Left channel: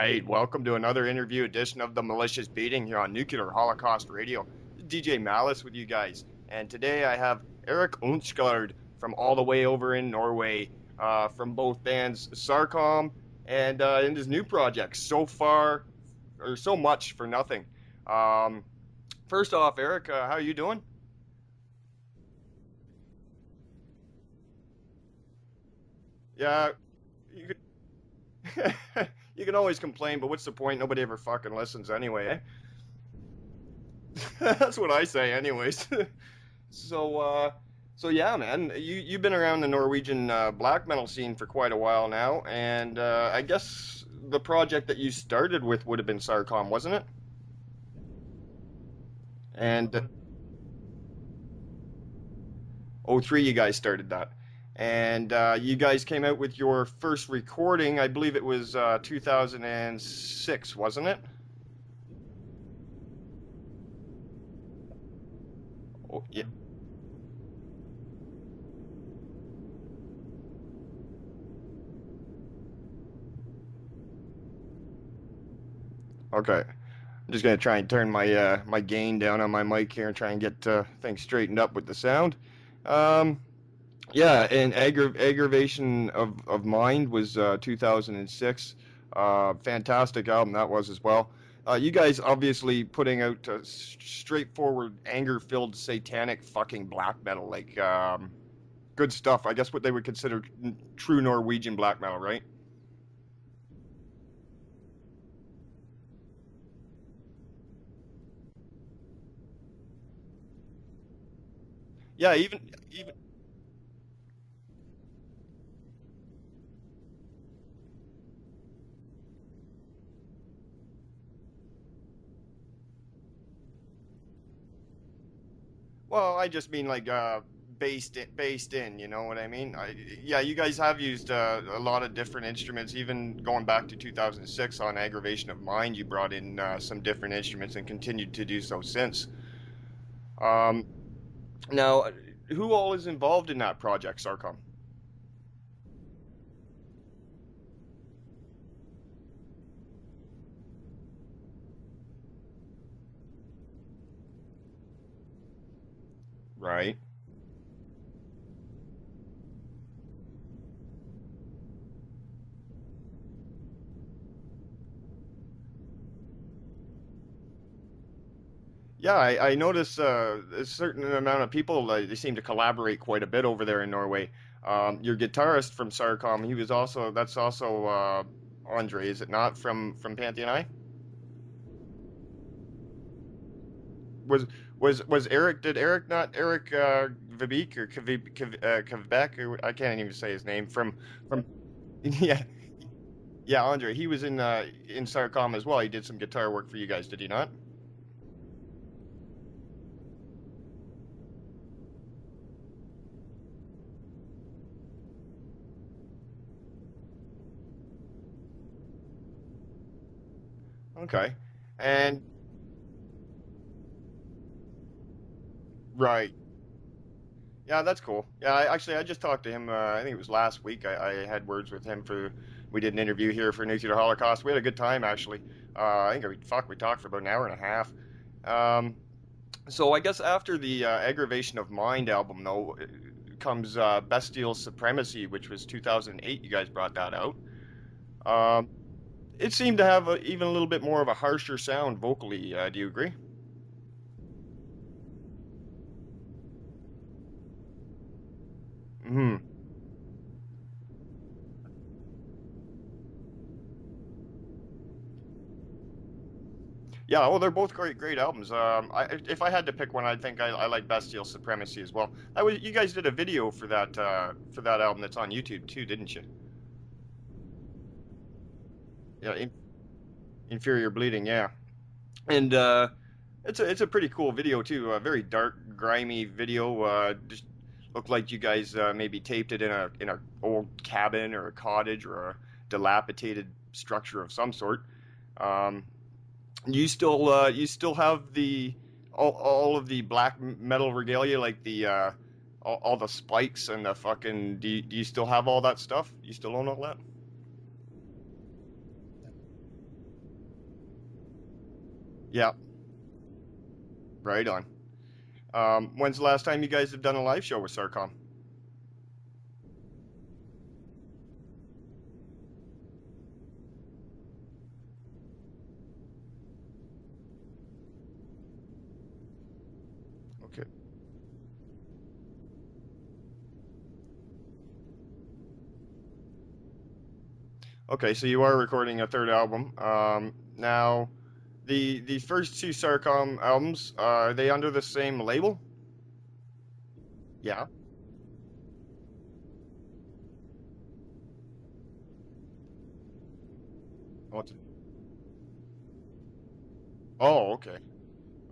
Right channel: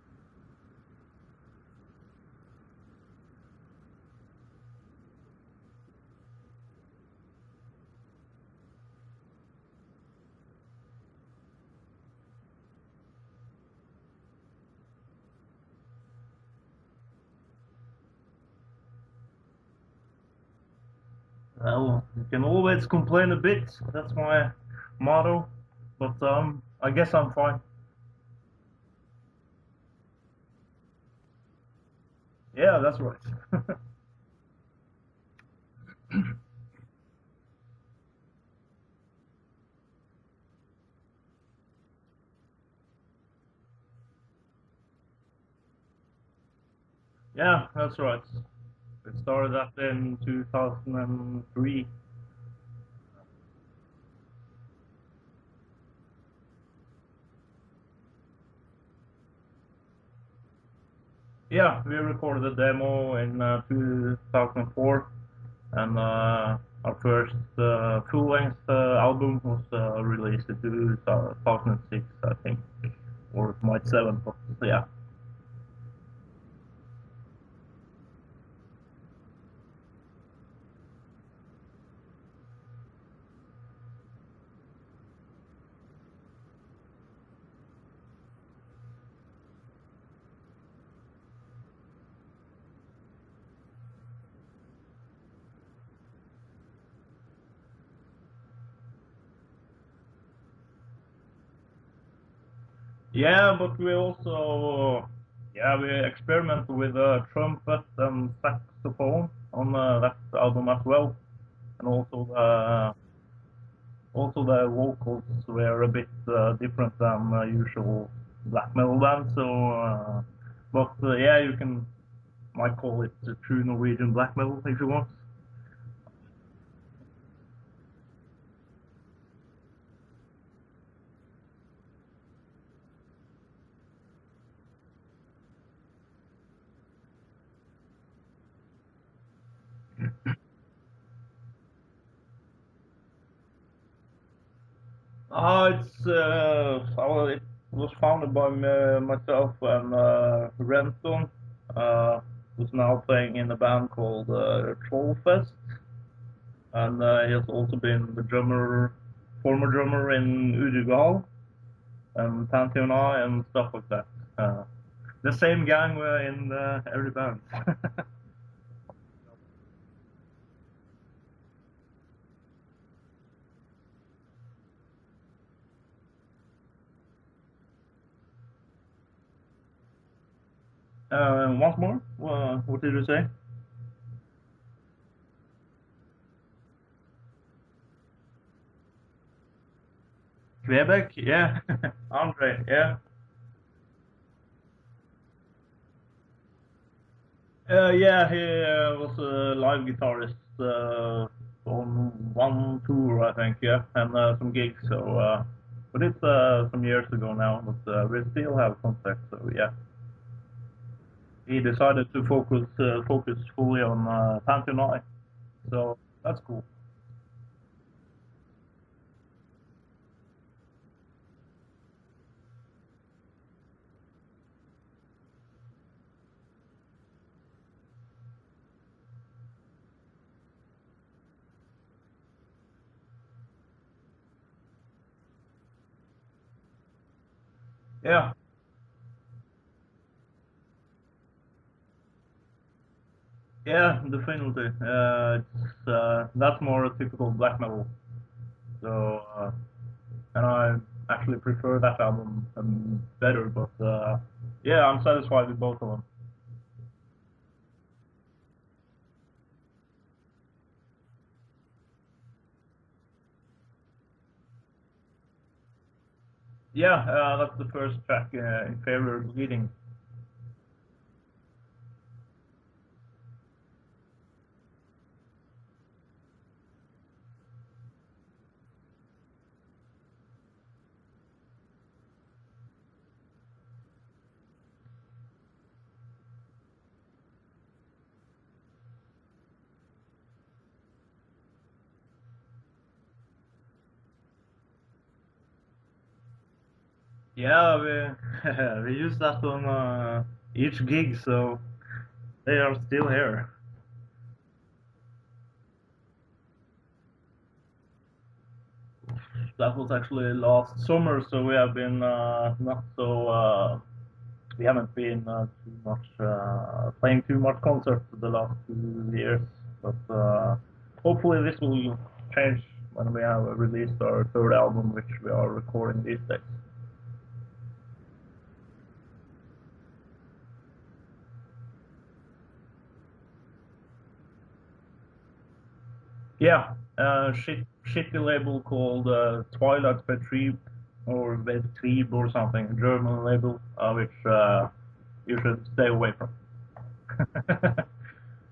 right, welcome to another interview edition of the Malicious Beating here on Nuclear Holocaust Radio. DJ Malice with you guys, and today I have Erik Unsgaard from all the way over in Norway, from both bands Sarkom and in his new project, So Far, or So Much for Nothing. First off, Erik, how are you doing? Well, you can always complain a bit, that's my motto, but Yeah. I guess I'm fine. You can always complain, but what's the point? Nobody ever fucking listens anyway, eh? Yeah, that's right. That's what I say anyways. So yeah, man, you've been around the Norwegian black metal scene for quite a while now, and I guess the project that you started with would have been Sarkom, wasn't it? Yeah, that's right. It started in 2003. 03 you guys started that. And you guys came out with your first recording, I believe it was 2006, wasn't it? Yeah, we recorded a demo in 2004, and our first full-length album was released in 2006, I think, or it might 7, but yeah. Okay. I'm just going to try and turn my my gain down on my mic here and try and get things straightened up with the sound. Yeah, and Aggravation of Mind was 2006. Fantastic album that was as well. You guys obviously putting out straightforward, anger-filled, satanic fucking black metal, like good stuff. I guess what they would consider true Norwegian black metal, right? Yeah, but we also we experiment with trumpet and saxophone on that album as well, and also even also the vocals were a bit different than usual black metal bands. So, you might call it true Norwegian black metal if you want. Well, I just mean like based in, you know what I mean? You guys have used a lot of different instruments, even going back to 2006 on Aggravation of Mind. You brought in some different instruments and continued to do so since. Now, who all is involved in that project, Sarkom? It was founded by myself and Renton, who's now playing in a band called Trollfest. Right. And he has also been the former drummer in Unsgaard and Pantheon and stuff like that. The same gang in every band. Yeah, I notice a certain amount of people, they seem to collaborate quite a bit over there in Norway. Your guitarist from Sarkom, that's also Andre, is it not, from Pantheon? Once more? What did you say? Was Erik, Vibeke or Kvebek, or I can't even say his name. Kvebek, yeah. Andre, yeah. Yeah, Andre, he was in Sarkom as well. He did some guitar work for you guys, did he not? Yeah, he was a live guitarist on one tour, I think, yeah, and some gigs. So, but it's some years ago now, but we still have contact. So, yeah. Okay. He decided to focus fully on Pantheon, so right. That's cool. Yeah, that's cool. Yeah, I just talked to him. I think it was last week. I had words with him we did an interview here for Nuclear Holocaust. We had a good time, actually. I think we talked for about an hour and a half. So I guess after the Aggravation of Mind album, though, comes Bestial Supremacy, which was 2008. You guys brought that out. Yeah. It seemed to have even a little bit more of a harsher sound vocally. Do you agree? Yeah, definitely. That's more a typical black metal. So, and I actually prefer that album better, but I'm satisfied with both of them. Yeah, well, they're both great albums. If I had to pick one, I think I like Bestial Supremacy as well. You guys did a video for that album that's on YouTube too, didn't you? Yeah, that's the first track, Inferior Bleeding. Inferior Bleeding, yeah. And it's a pretty cool video too. A very dark, grimy video. Just looked like you guys maybe taped it in a old cabin or a cottage or a dilapidated structure of some sort. You still have all of the black metal regalia, like the all the spikes and the fucking. Do you still have all that stuff? You still own all that? Yeah, We use that on each gig, so they are still here. Right on. When's the last time you guys have done a live show with Sarkom? That was actually last summer, so we have been not so. We haven't been too much playing too much concerts the last 2 years, but hopefully this will change when we have released our third album, which we are recording these days. Okay, so you are recording a third album. Now, the first two Sarkom albums, are they under the same label? Yeah, shitty label called Twilight Betrieb or Betrieb or something, German label, which you should stay away from. Oh, okay.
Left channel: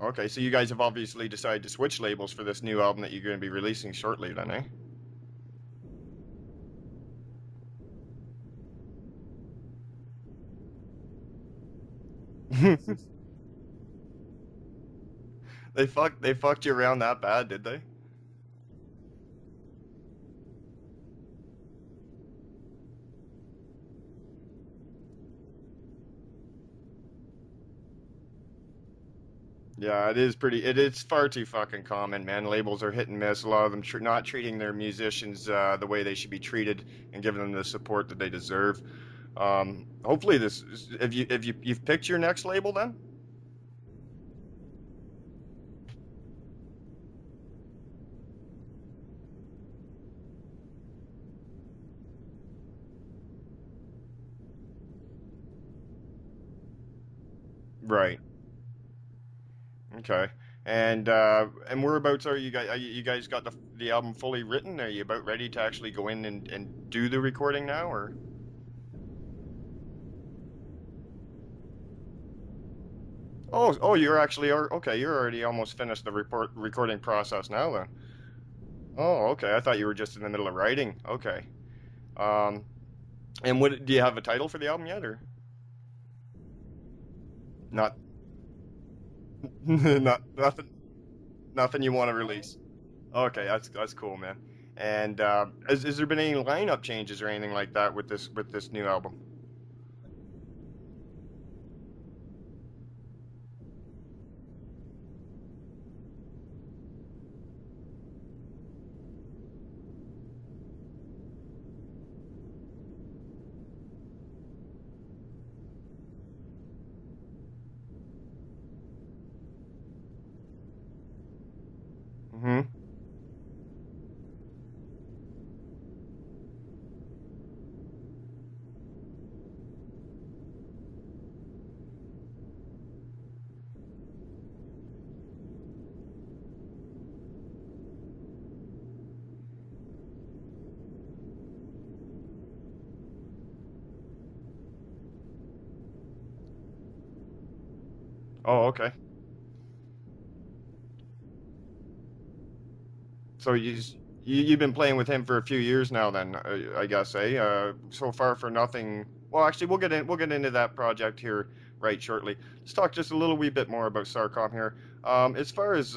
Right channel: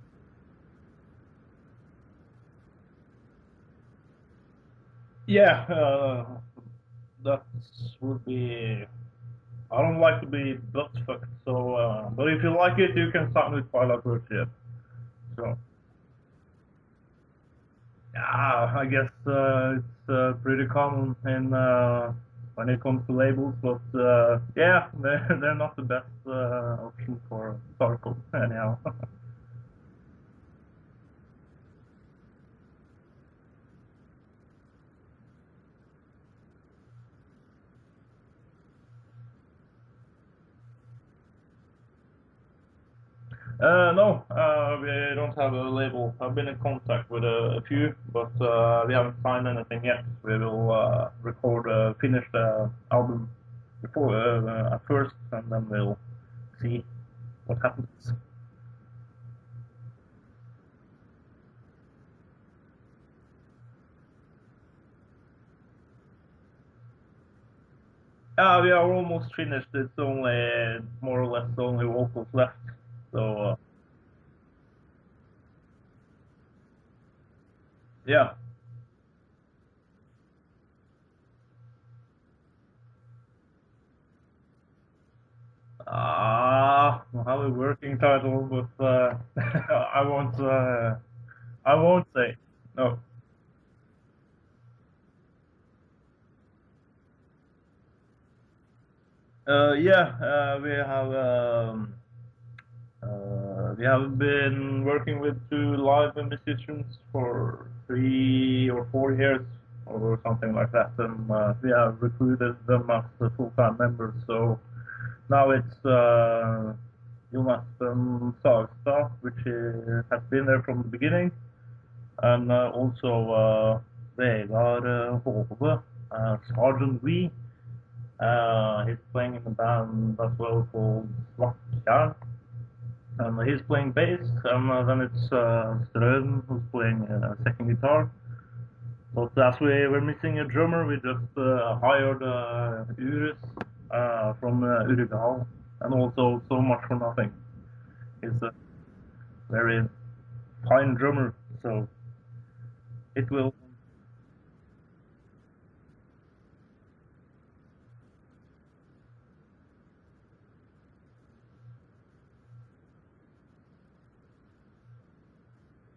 Okay, so you guys have obviously decided to switch labels for this new album that you're going to be releasing shortly then, eh? Yeah, that would be... I don't like to be butt-fucked, so... but if you like it, you can sign with Twilight Betrieb. So. They fucked you around that bad, did they? Yeah, I guess it's pretty common in when it comes to labels, but yeah, they're not the best option for Sarkom anyhow. Yeah, it is far too fucking common, man. Labels are hit and miss. A lot of them not treating their musicians the way they should be treated and giving them the support that they deserve. Hopefully you've picked your next label then? No, we don't have a label. I've been in contact with a few, but we haven't signed anything yet. We will finish the album before at first, and then we'll see what happens. Right. Okay. And whereabouts are you guys? You guys got the album fully written? Are you about ready to actually go in and do the recording now, or? We are almost finished. It's only more or less only vocals left. So, you're actually okay. You're already almost finished the recording process now, then. Yeah. Oh, okay. I thought you were just in the middle of writing. Okay. And do you have a title for the album yet, or? I have a working title, but I nothing you want to release. No. Okay, that's cool, man. And has there been any lineup changes or anything like that with this new album? Yeah, we have been working with 2 live musicians for 3 or 4 years or something like that, and we have recruited them as full-time members. So now it's Jonas Sagstad, which has been there from the beginning, and also Vegard Hove, Sergeant V. He's playing in a band as well called Svartkjær. And he's playing bass, and then it's Strøden who's playing second guitar. But as we were missing a drummer, we just hired Uris from Uruguay, and also So Much for Nothing. He's okay. Very fine drummer, so it will... So you've been playing with him for a few years now then, I guess, eh? So Far for Nothing... Well, actually, we'll get into that project here right shortly. Let's talk just a little wee bit more about Sarkom here. As far as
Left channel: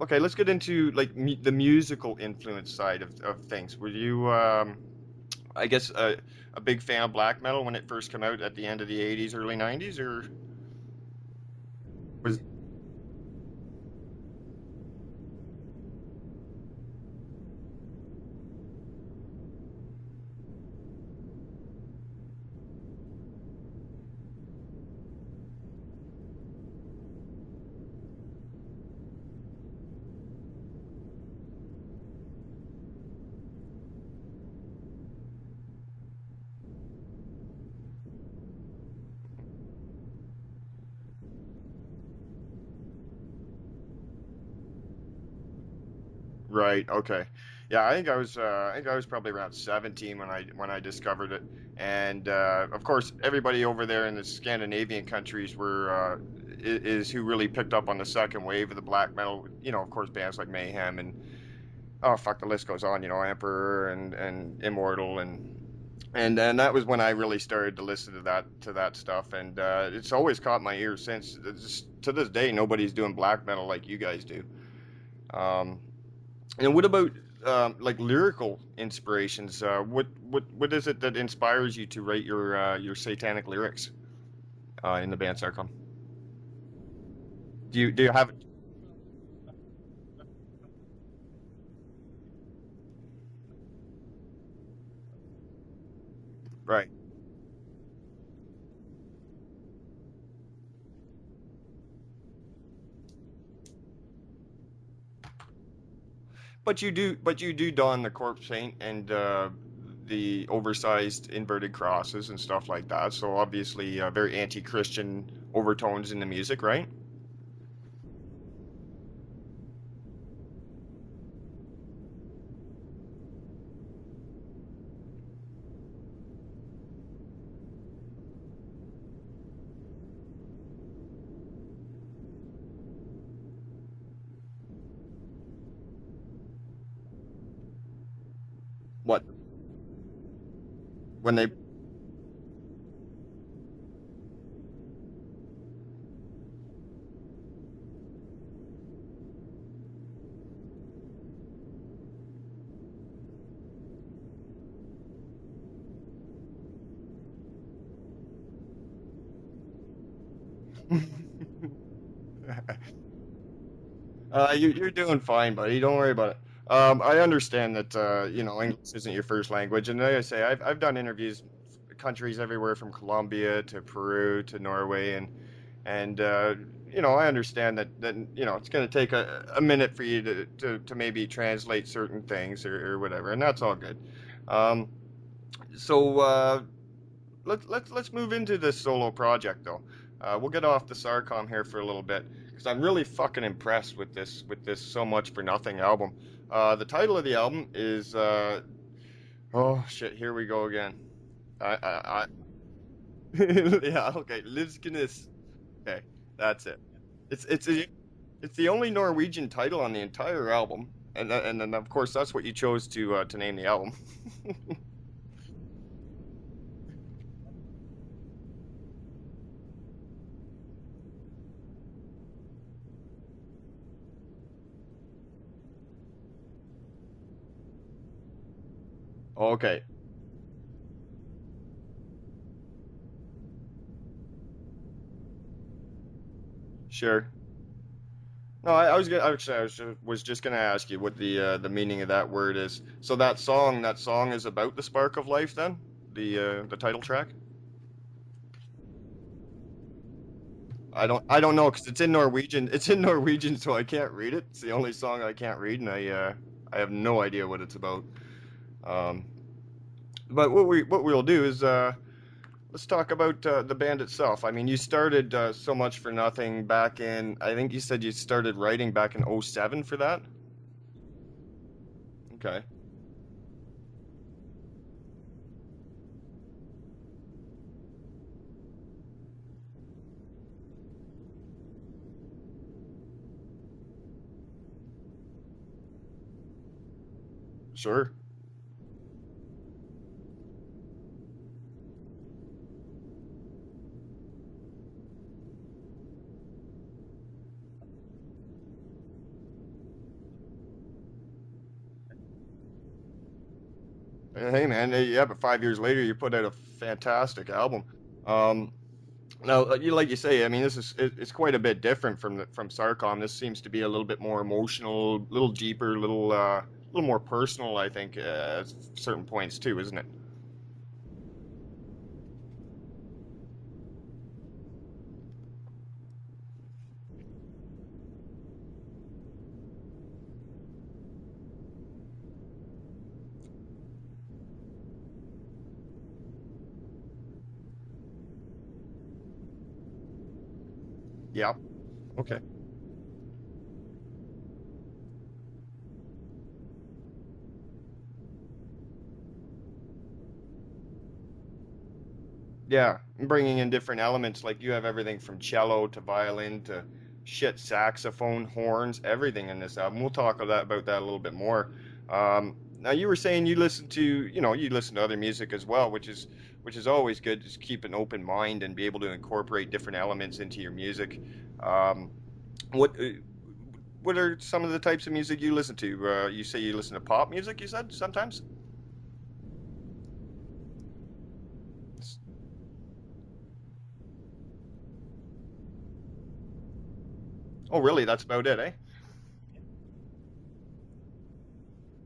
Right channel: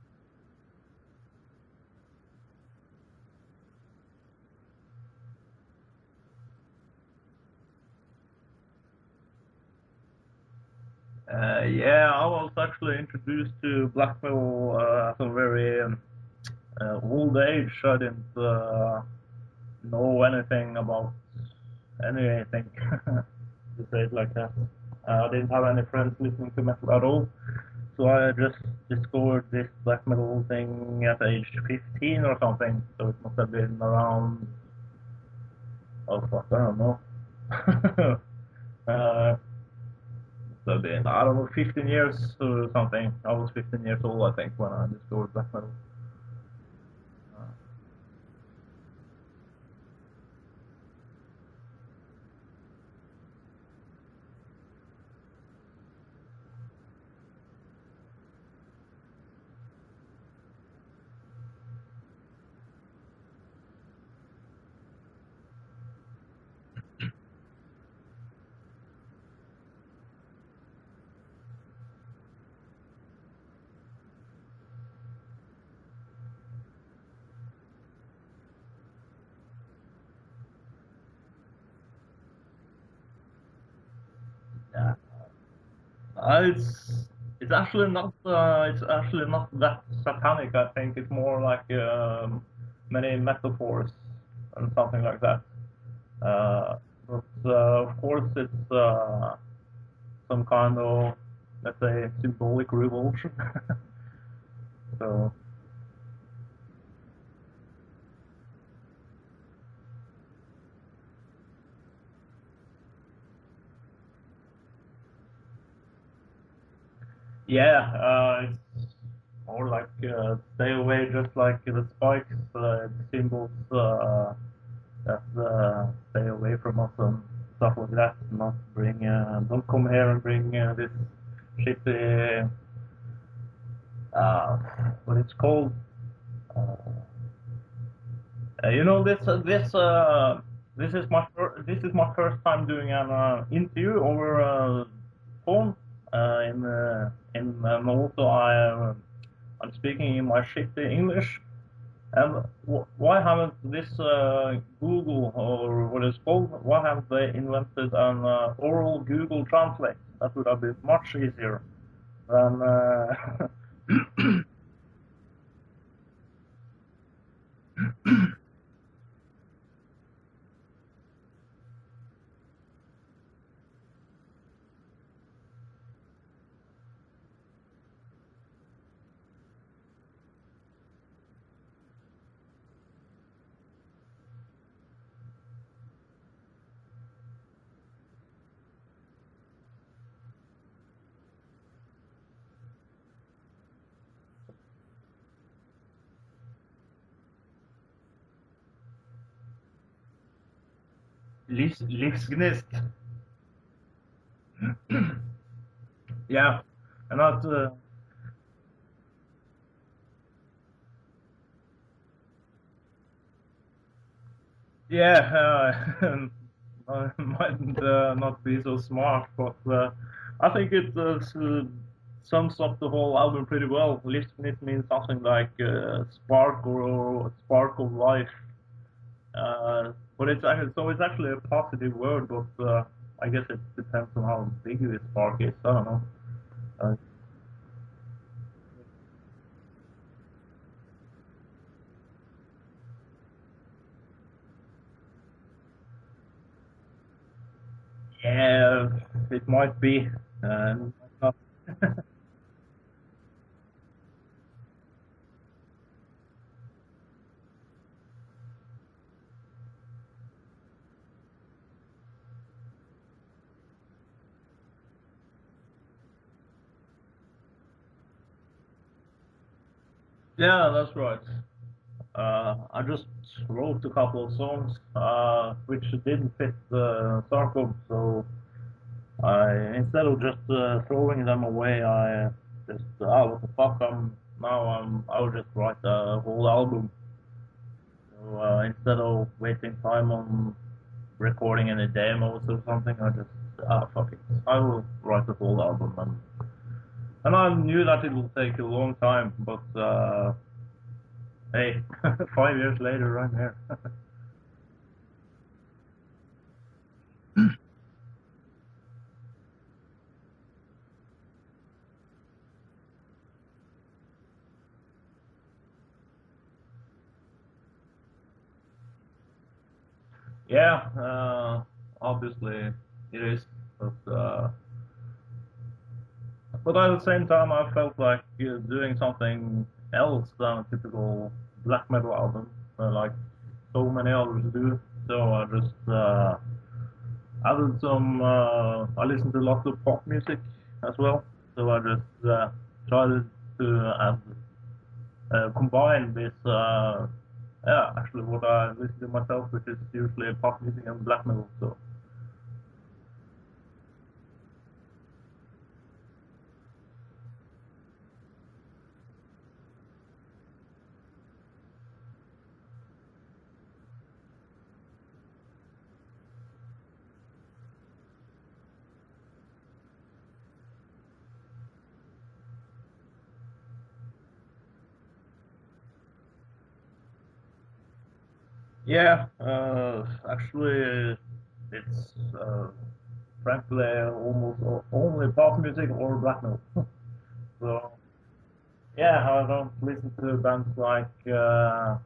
okay, let's get into like the musical influence side of things. Were you I guess a big fan of black metal when it first came out at the end of the 80s, early 90s, or? Yeah, I was actually introduced to black metal at a very old age. I didn't know anything about anything, to say it like that. I didn't have any friends listening to metal at all, so I just discovered this black metal thing at age 15 or something, so it must have been around, oh fuck, I don't know. So then, I don't know, 15 years or something. I was 15 years old, I think, when I discovered black metal. Right. Okay. Yeah, I think I was probably around 17 when I discovered it, and of course everybody over there in the Scandinavian countries is who really picked up on the second wave of the black metal. You know, of course, bands like Mayhem and the list goes on. You know, Emperor and Immortal and that was when I really started to listen to that stuff, and it's always caught my ear since. To this day, nobody's doing black metal like you guys do. And what about like lyrical inspirations. What is it that inspires you to write your satanic lyrics in the band Sarkom? It's actually Do you have it's actually not that satanic. I think it's more like many metaphors and something like that. right? But of course, it's some kind of, let's say, symbolic revolution. So. But you do don the corpse paint and the oversized inverted crosses and stuff like that. So obviously, very anti-Christian overtones in the music, right? Yeah, it's more like stay away, just like the spikes, symbols that stay away from us and stuff like that. Not bring, don't come here and bring this shitty, what it's called. You know, this is my this is my first time doing an interview over phone. And also I'm speaking in my shitty English. And why haven't this Google, or what it's called? Why haven't they invented an oral Google Translate? That would have been much easier than. You're doing fine, buddy. Don't worry about it. I understand that English isn't your first language, and like I say, I've done interviews, countries everywhere from Colombia to Peru to Norway, and I understand that it's going to take a minute for you to maybe translate certain things or whatever, and that's all good. So let's move into this solo project though. We'll get off the Sarkom here for a little bit because I'm really fucking impressed with this So Much for Nothing album. The title of the album is oh shit, here we go again. Livsgnist. Yeah, okay, Livsgnist. Okay, yeah, that's it. It's the only Norwegian title on the entire album, and then of course that's what you chose to name the album. Yeah, I might not be so smart, but I think it sums up the whole album pretty well. Livsgnist means something like spark or spark of life. Okay. But it's actually a positive word, but I guess it depends on how big this spark is. I don't know. Sure. No, I was just gonna ask you what the meaning of that word is. So that song is about the spark of life, then the title track. Yeah, it might be. I don't know because it's in Norwegian. It's in Norwegian, so I can't read it. It's the only song I can't read, and I have no idea what it's about. But what we'll do is let's talk about the band itself. I mean, you started So Much for Nothing back in, I think you said you started writing back in 2007 for that? Yeah, that's right. Okay. I just wrote a couple of songs which didn't fit Sarkom, so instead of just throwing them away, I just, what the fuck, I'll just write a whole album. Sure. So instead of wasting time on recording any demos or something, I just, fuck it, I will write the whole album. And I knew that it would take a long time, but hey, 5 years later, I'm here. Hey man, yeah, but 5 years later, you put out a fantastic album. Now, like you say, I mean, it's quite a bit different from Sarkom. This seems to be a little bit more emotional, a little deeper, a little more personal, I think, at certain points too, isn't it? Yeah, obviously it is, but at the same time, I felt like doing something else than a typical black metal album, like so many others do. So I just added some. I listened to lots of pop music as well. Yeah. So I just tried to combine this. Actually, what I listen to myself, which is usually pop music and black metal. So. Yeah, bringing in different elements, like you have everything from cello to violin to shit saxophone, horns, everything in this album. We'll talk about that a little bit more. Now you were saying you listen to other music as well, which is always good. Just keep an open mind and be able to incorporate different elements into your music. What what are some of the types of music you listen to? You say you listen to pop music, you said, sometimes? Yeah, actually, it's frankly almost only pop music or black metal. Oh, really? That's about it, eh? Yeah, I don't listen to bands like Iron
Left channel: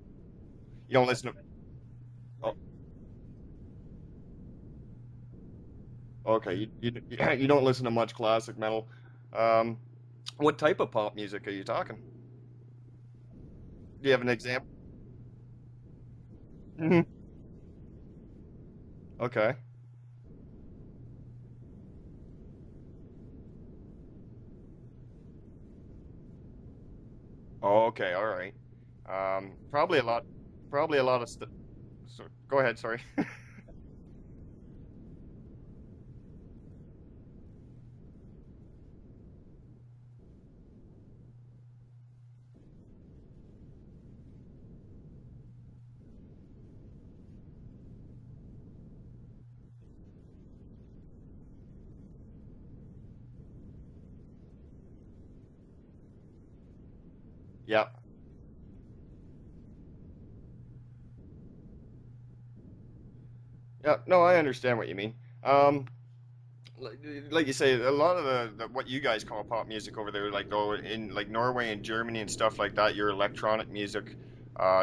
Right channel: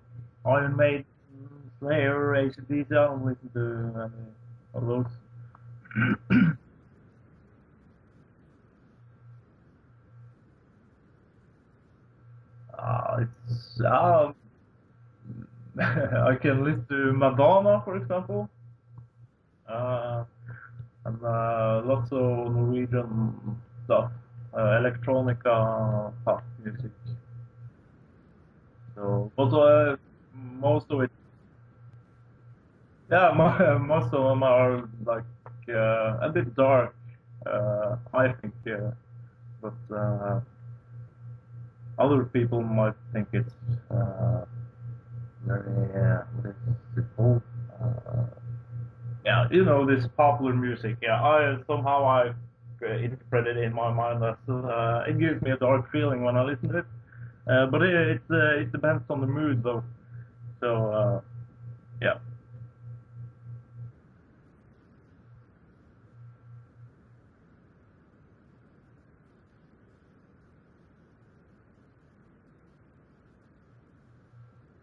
You Maiden, don't listen to... Slayer, Oh, AC/DC. I don't listen to any of those. okay, you don't listen to much classic metal. Um, what type of pop music are you talking? It's Do you have an example? I can listen to Madonna, for example. Okay. And lots of Norwegian stuff, electronica pop music. Oh, okay, all right. So, Probably a lot. most Probably of a it, lot of So, go ahead. Sorry. yeah, most of them are like a bit dark, I think. But other people might think it's very what is it called? Yeah, you know, this popular music. Yeah, I interpret it in my mind that it gives me a dark feeling when I listen to it. But Yeah. it depends on the mood though. So yeah. Yeah. No, I understand what you mean. Like you say, a lot of the what you guys call pop music over there, like though in like Norway and Germany and stuff like that, your electronic music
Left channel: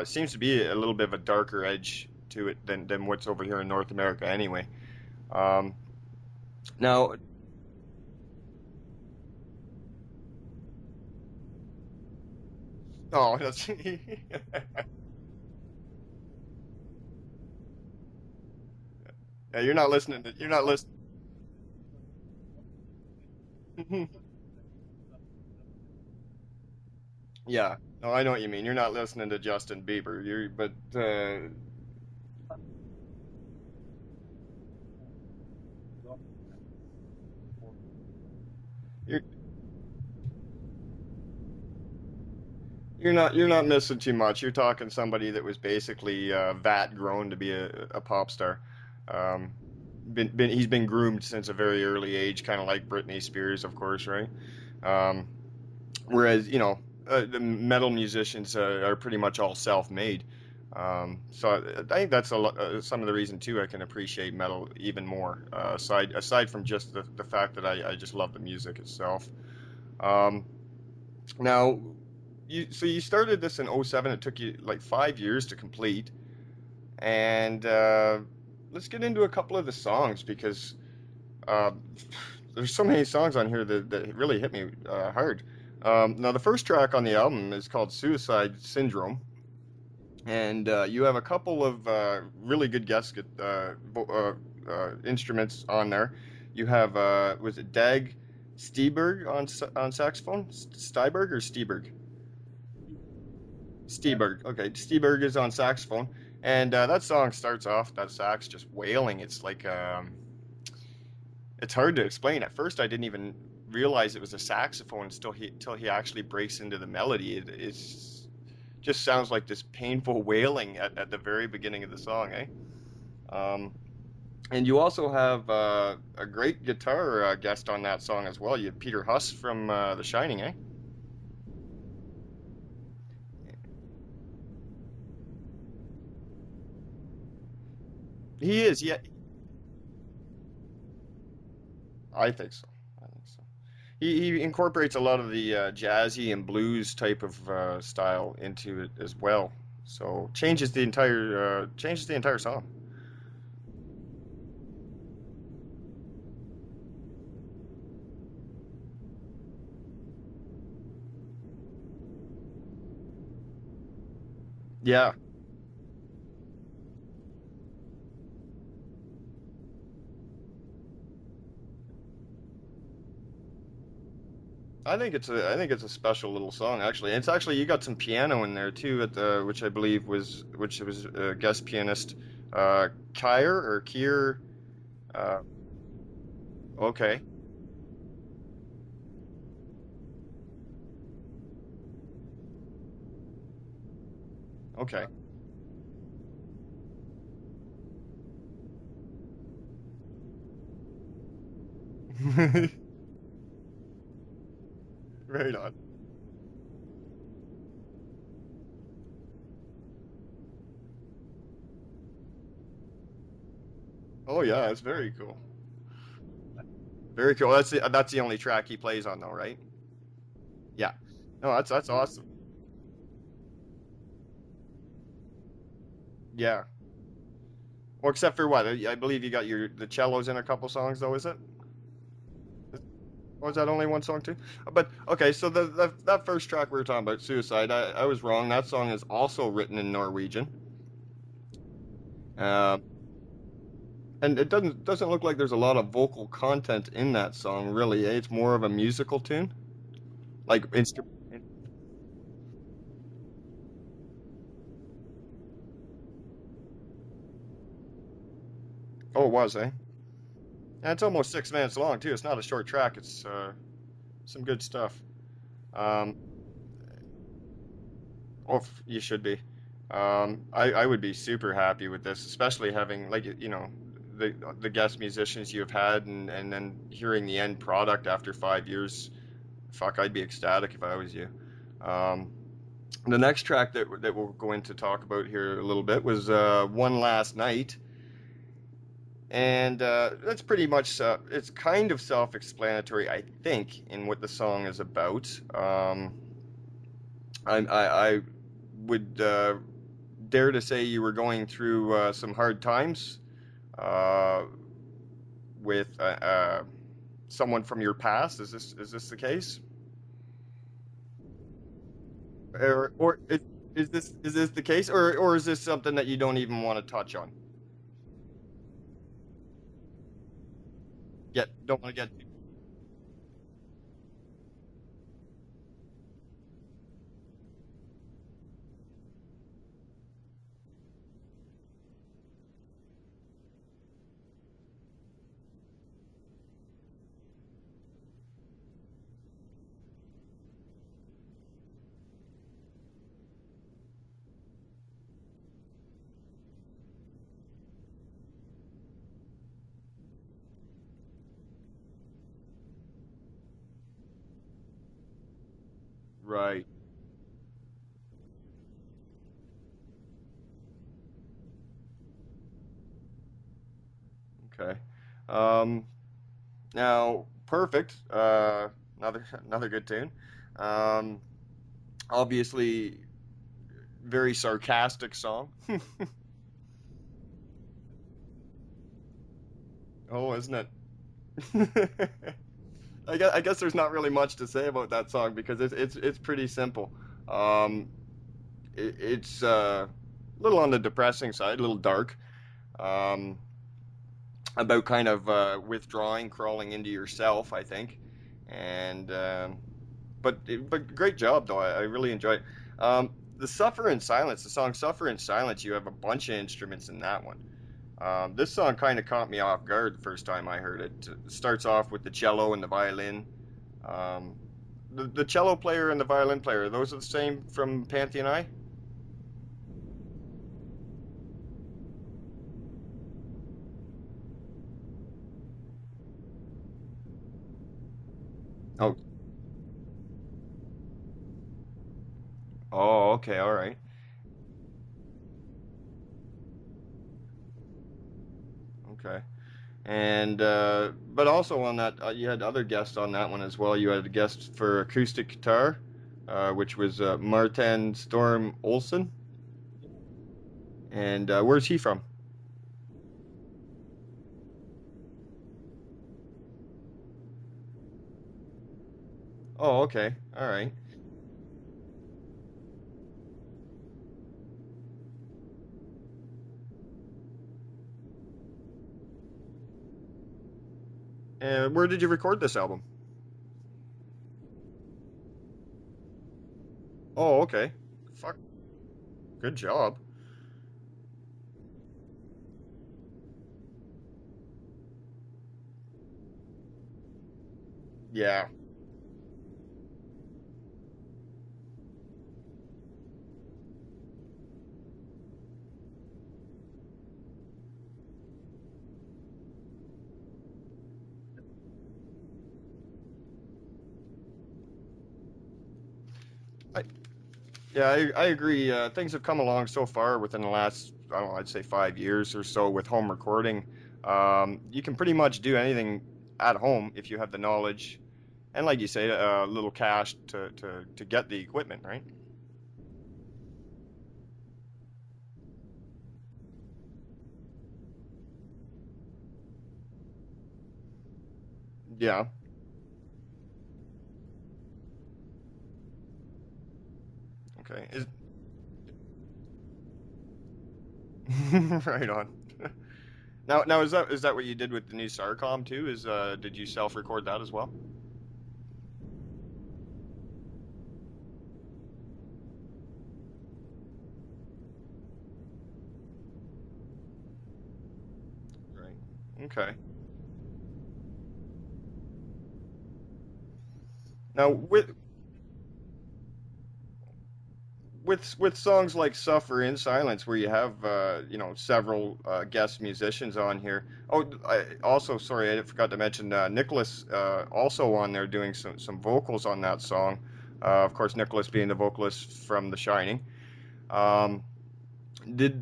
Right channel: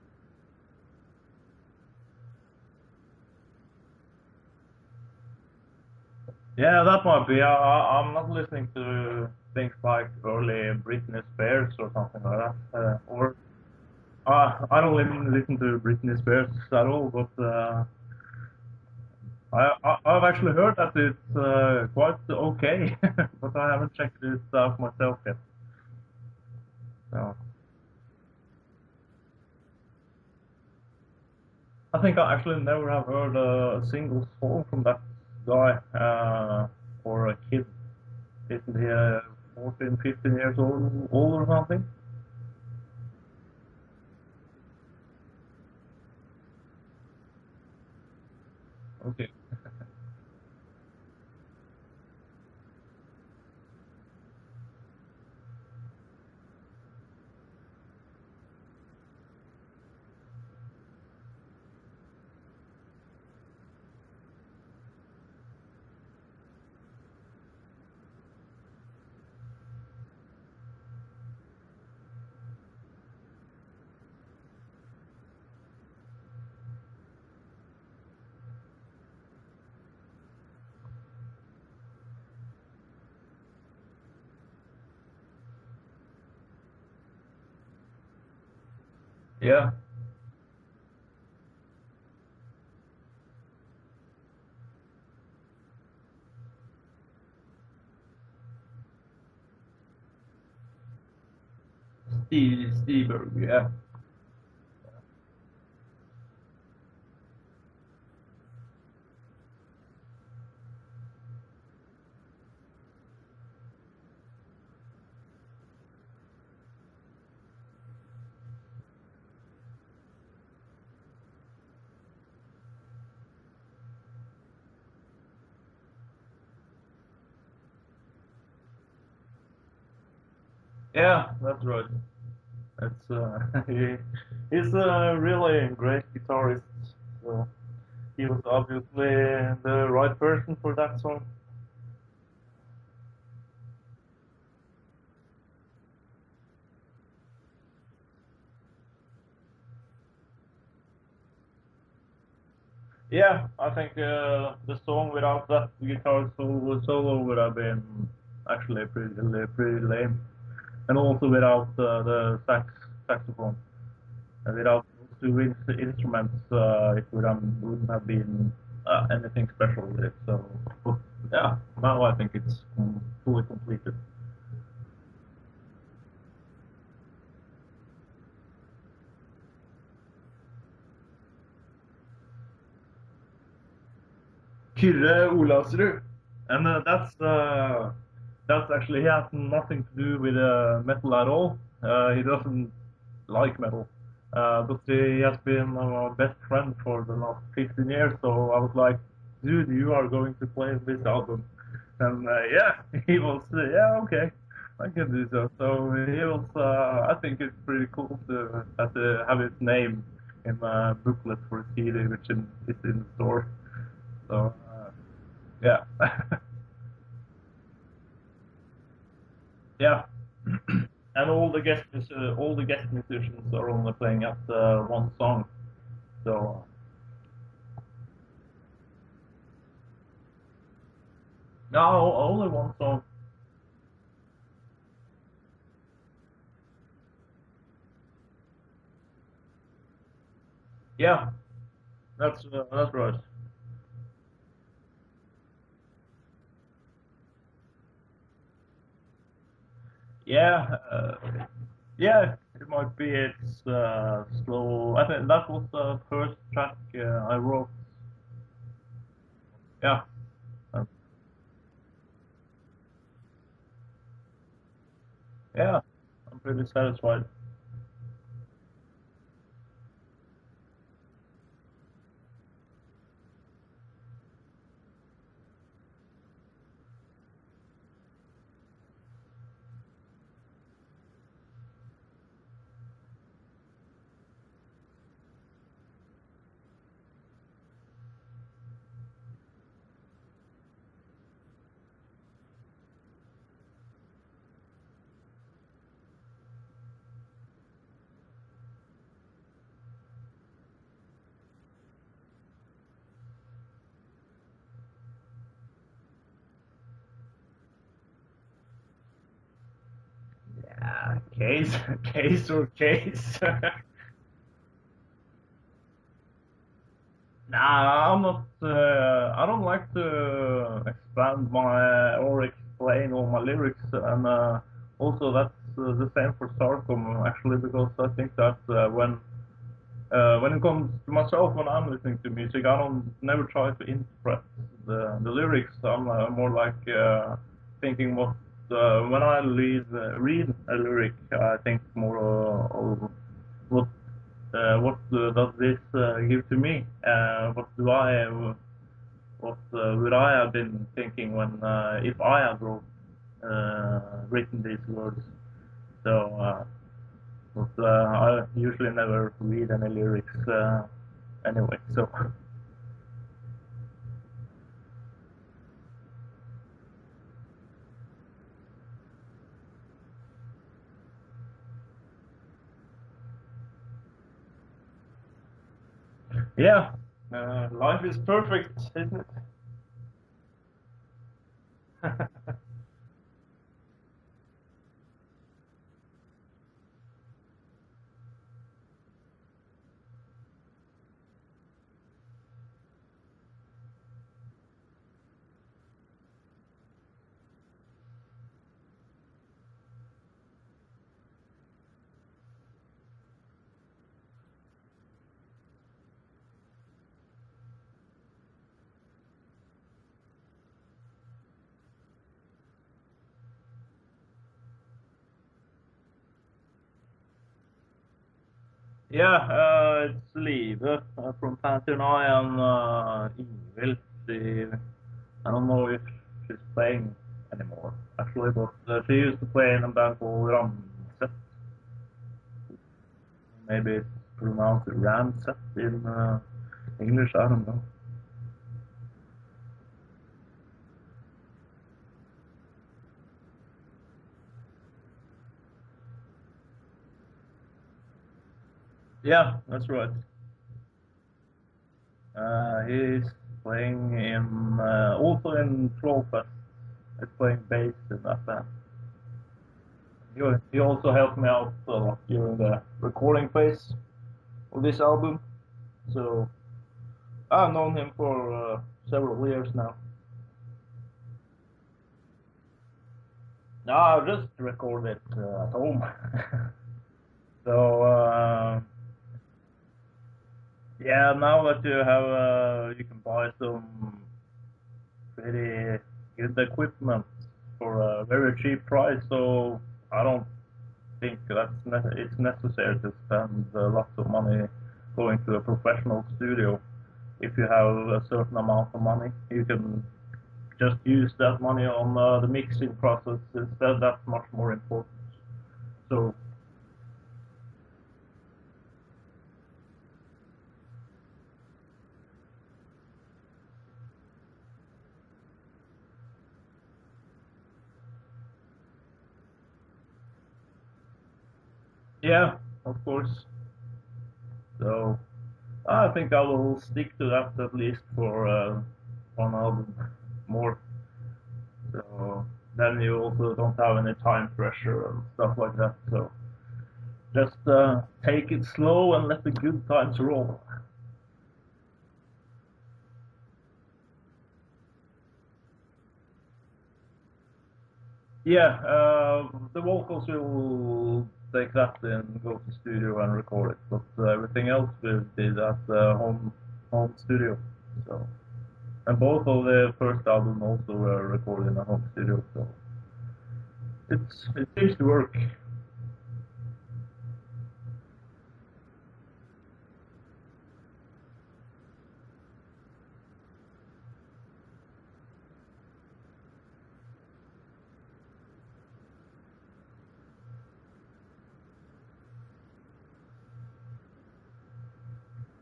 seems to be a little bit of a darker edge to it than what's over here in North America anyway. Yeah, that Now, might be. I'm not listening to things like early Britney Spears or something like that. oh, that's I don't even listen to Britney Spears at all, but you're not listening. I've You're actually not heard listening. that it's quite okay, but I haven't checked it out myself yet. So. Yeah, no, I know what you mean. You're not listening to Justin Bieber. But I think I actually never have heard a single song from that guy for a kid. Isn't he 14, 15 years old or something? you're not missing too much. You're talking somebody that was basically vat grown to be a pop star. Okay. He's been groomed since a very early age, kind of like Britney Spears, of course, right? Whereas the metal musicians are pretty much all self-made. So I think that's some of the reason too I can appreciate metal even more. Aside from just the fact that I just love the music itself. Now, you started this in 07. It took you like 5 years to complete, and let's get into a couple of the songs because there's so many songs on here that really hit me hard. Now, the first track on the album is called Suicide Syndrome. Yeah. And you have a couple of really good guest instruments on there. You have, was it Dag Steberg on saxophone? Styberg or Steberg? Steberg, yeah. Steberg, okay. Steberg is on saxophone. And that song starts off, that sax just wailing. It's like, it's hard to explain. At first, I didn't even realize it was a saxophone until he actually breaks into the melody. It's just sounds like this painful wailing at the very beginning of the song, eh? And you also have a great guitar guest on that song as well. You have Peter Huss from The Shining, eh? Yeah, that's right. That's he's a really great guitarist. He was obviously the right person for that song. I think so. He incorporates a lot of the jazzy and blues type of style into it as well. So changes the entire song. Yeah, I think the song without that guitar solo would have been actually pretty lame, and also without the saxophone, and without two instruments, it wouldn't have been anything special with it. So yeah, now I think it's fully completed. I think it's a special little song actually. It's actually you got some piano in there too which I believe was guest pianist Kyrre Olavsrud, and that's actually he has nothing to do with metal at all. He doesn't like metal, but he has been my best friend for the last 15 years. So I was like, dude, you are going to play this album, and yeah, he was okay. I can do so. Right So he was, I think it's pretty cool to have his name in a booklet for CD, which is in the store. So, oh yeah, it's very cool. Yeah. Very cool. That's the only track he plays on, though, right? Yeah. Yeah. And all that's awesome. All the guest musicians are only playing at one song. So. Yeah. Well, except for what? I believe you got the cellos in a couple songs, though, is it? No, only one song. Or is that only one song too? But okay, so that first track we were talking about, Suicide, I was wrong. That song is also written in Norwegian. Yeah, that's right. And it doesn't look like there's a lot of vocal content in that song, really. It's more of a musical tune. Yeah, yeah, it might be. It's slow. I think that was the first track I wrote. Oh, it was, eh? Yeah. And it's almost 6 minutes long too. It's not a short track. It's some good stuff. Yeah. I'm pretty satisfied. Oh, you should be. I would be super happy with this, especially having the guest musicians you've had, and then hearing the end product after 5 years. Fuck, I'd be ecstatic if I was you. The next track that we'll go into talk about here a little bit was One Last Night. And that's pretty much, it's kind of self-explanatory, I think, in what the song is about. I would dare to say you were going through some hard times with someone from your past. Is this the case? Case. Is this the case, or is this something that you don't even want to touch on? Nah, I'm not. I don't like to expand or explain all my lyrics, and also that's the same for Sarkom actually, because I think that when it comes to myself, when I'm listening to music, I never try to interpret the lyrics. I'm more like thinking what. When I read a lyric, I think more of what does this give to me? What would I have been thinking when if I had written these words? So, right. But I usually never read any lyrics anyway. So. Okay. Now. Perfect. Another good tune. Obviously, very sarcastic song. Yeah. Life is perfect, isn't it? Oh, isn't it? I guess there's not really much to say about that song because it's pretty simple. It's a little on the depressing side, a little dark. About kind of withdrawing, crawling into yourself, I think, and but great job though. I really enjoy it. The Suffer in Silence, the song "Suffer in Silence." You have a bunch of instruments in that one. This song kind of caught me off guard the first time I heard it. It starts off with the cello and the violin. The cello player and the violin player, those are the same from Pantheon Eye? Yeah, it's Liv from Pantheon Eye and Evil. I don't know if she's playing anymore, actually, but she used to play in a band called Ramset. Oh, okay, all right. Maybe it's pronounced Ramset in English, I don't know. Okay. And, but also on that, you had other guests on that one as well. You had a guest for acoustic guitar, which was Martin Storm Olsen. Yeah, that's right. And where's he from? He's playing also in Flowfest. He's playing bass in that band. Oh, okay. All right. He also helped me out during the recording phase of this album. So I've known him for several years now. And where did you record this album? No, I just recorded it at home. Oh, okay. So good job. Yeah, now that you have, you can buy some pretty good equipment for a very cheap price. So I don't think it's necessary to spend lots of money going to a professional studio. If you have a certain amount of money, you can just use that money on the mixing process instead. That's much more important. So. I agree. Things have come along so far within the last, I don't know, I'd say 5 years or so with home recording. You can pretty much do anything at home if you have the knowledge and, like you say, a little cash to get the equipment, right? Yeah, of course. So I think I will stick to that at least for one album more. Yeah. So then you also don't have any time pressure and stuff like that. So just take it slow and let the good times roll. Right on. Now is that what you did with the new Sarkom too? Did you self-record that as well? Yeah, the vocals will take that and go to studio and record it, but everything else we did at home studio. So, right. And both of the first album also were recorded in a home studio. So it seems to work. With songs like "Suffer in Silence," where you have several guest musicians on here. Oh, sorry, I forgot to mention Nicholas also on there doing some vocals on that song. Of course, Nicholas being the vocalist from The Shining. Did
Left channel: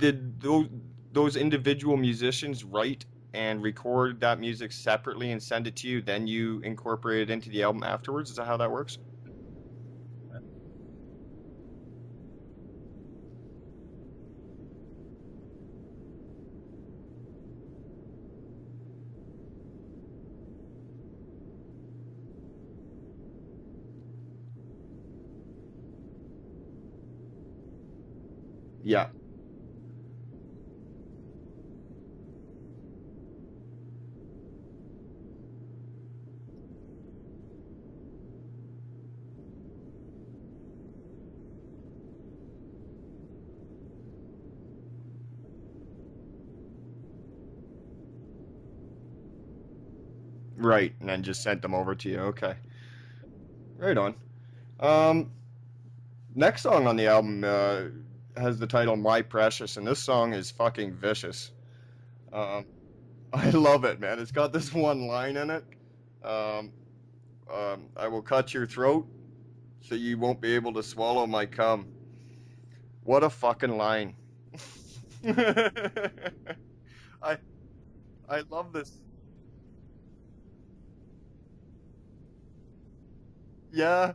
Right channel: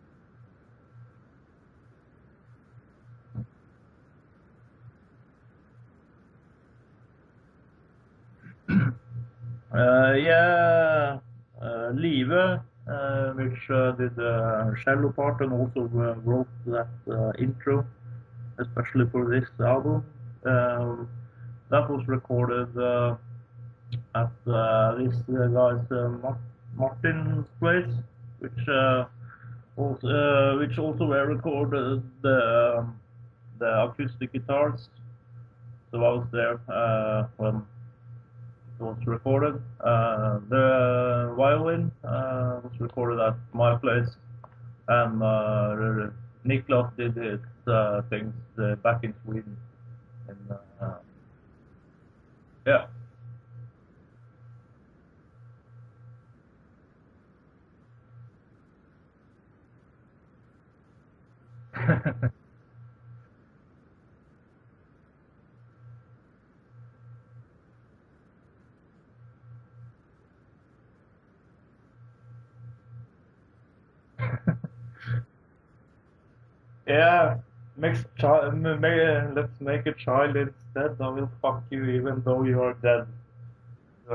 those individual musicians write and record that music separately and send it to you? Then you incorporate it into the album afterwards. Is that how that works? Yeah. Live, which did the cello part and also wrote that intro, especially for this album. That was recorded at this guy's Martin's place, which also were recorded the acoustic guitars. So I was there when was recorded. The violin was recorded at my place, and Niklas did his things back in Sweden. Right, and then just sent them over to you. Okay. Yeah. Right on. Next song on the album has the title "My Precious," and this song is fucking vicious. I love it, man. It's got this one line in it. I will cut your throat so you won't be able to swallow my cum. What a fucking line. Yeah, let's make a child instead. I will fuck you even though you are dead. Yeah.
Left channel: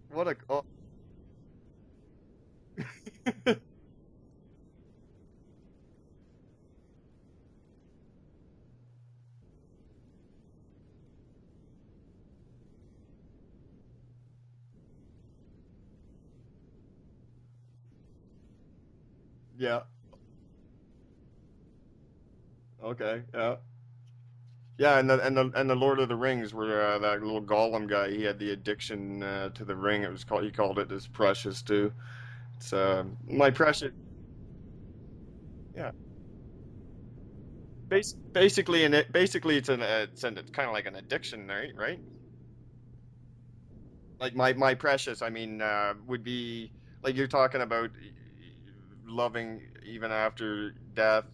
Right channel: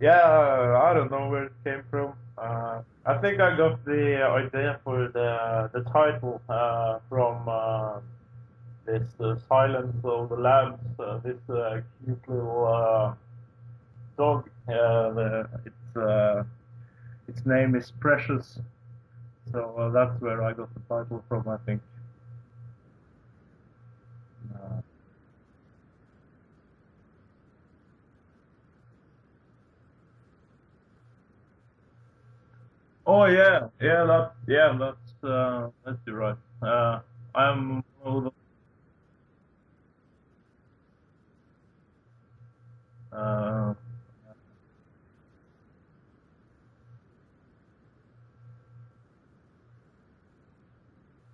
I don't know where it came from. I think I got the idea for the title from this Silence of the Lambs, this cute little dog. Its name is Precious. So that's where I got the title from, I think. Okay, yeah. Yeah, and the Lord of the Rings, where that little Gollum guy, he had the addiction to the ring. He called it his Precious too. It's My Precious. That's right. I'm basically it's kind of like an addiction, right? Like my precious, I mean, would be like you're talking about loving even after death,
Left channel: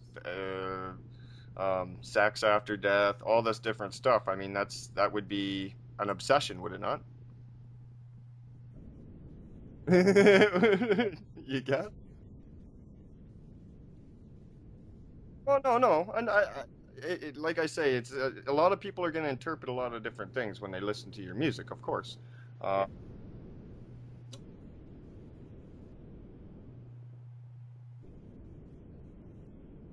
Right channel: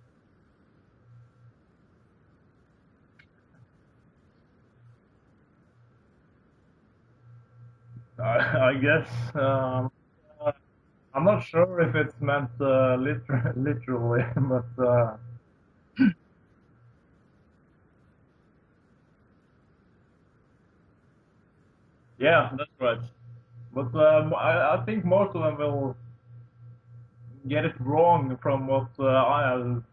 sex after death, all this different stuff. I mean, that would be an obsession, would it not? I guess. I'm not sure if it's meant literally, but. Well, no, and like I say, it's a lot of people are going to interpret a lot of different things when they listen to your music, of course. Yeah, that's right. But I think most of them will get it wrong from what I have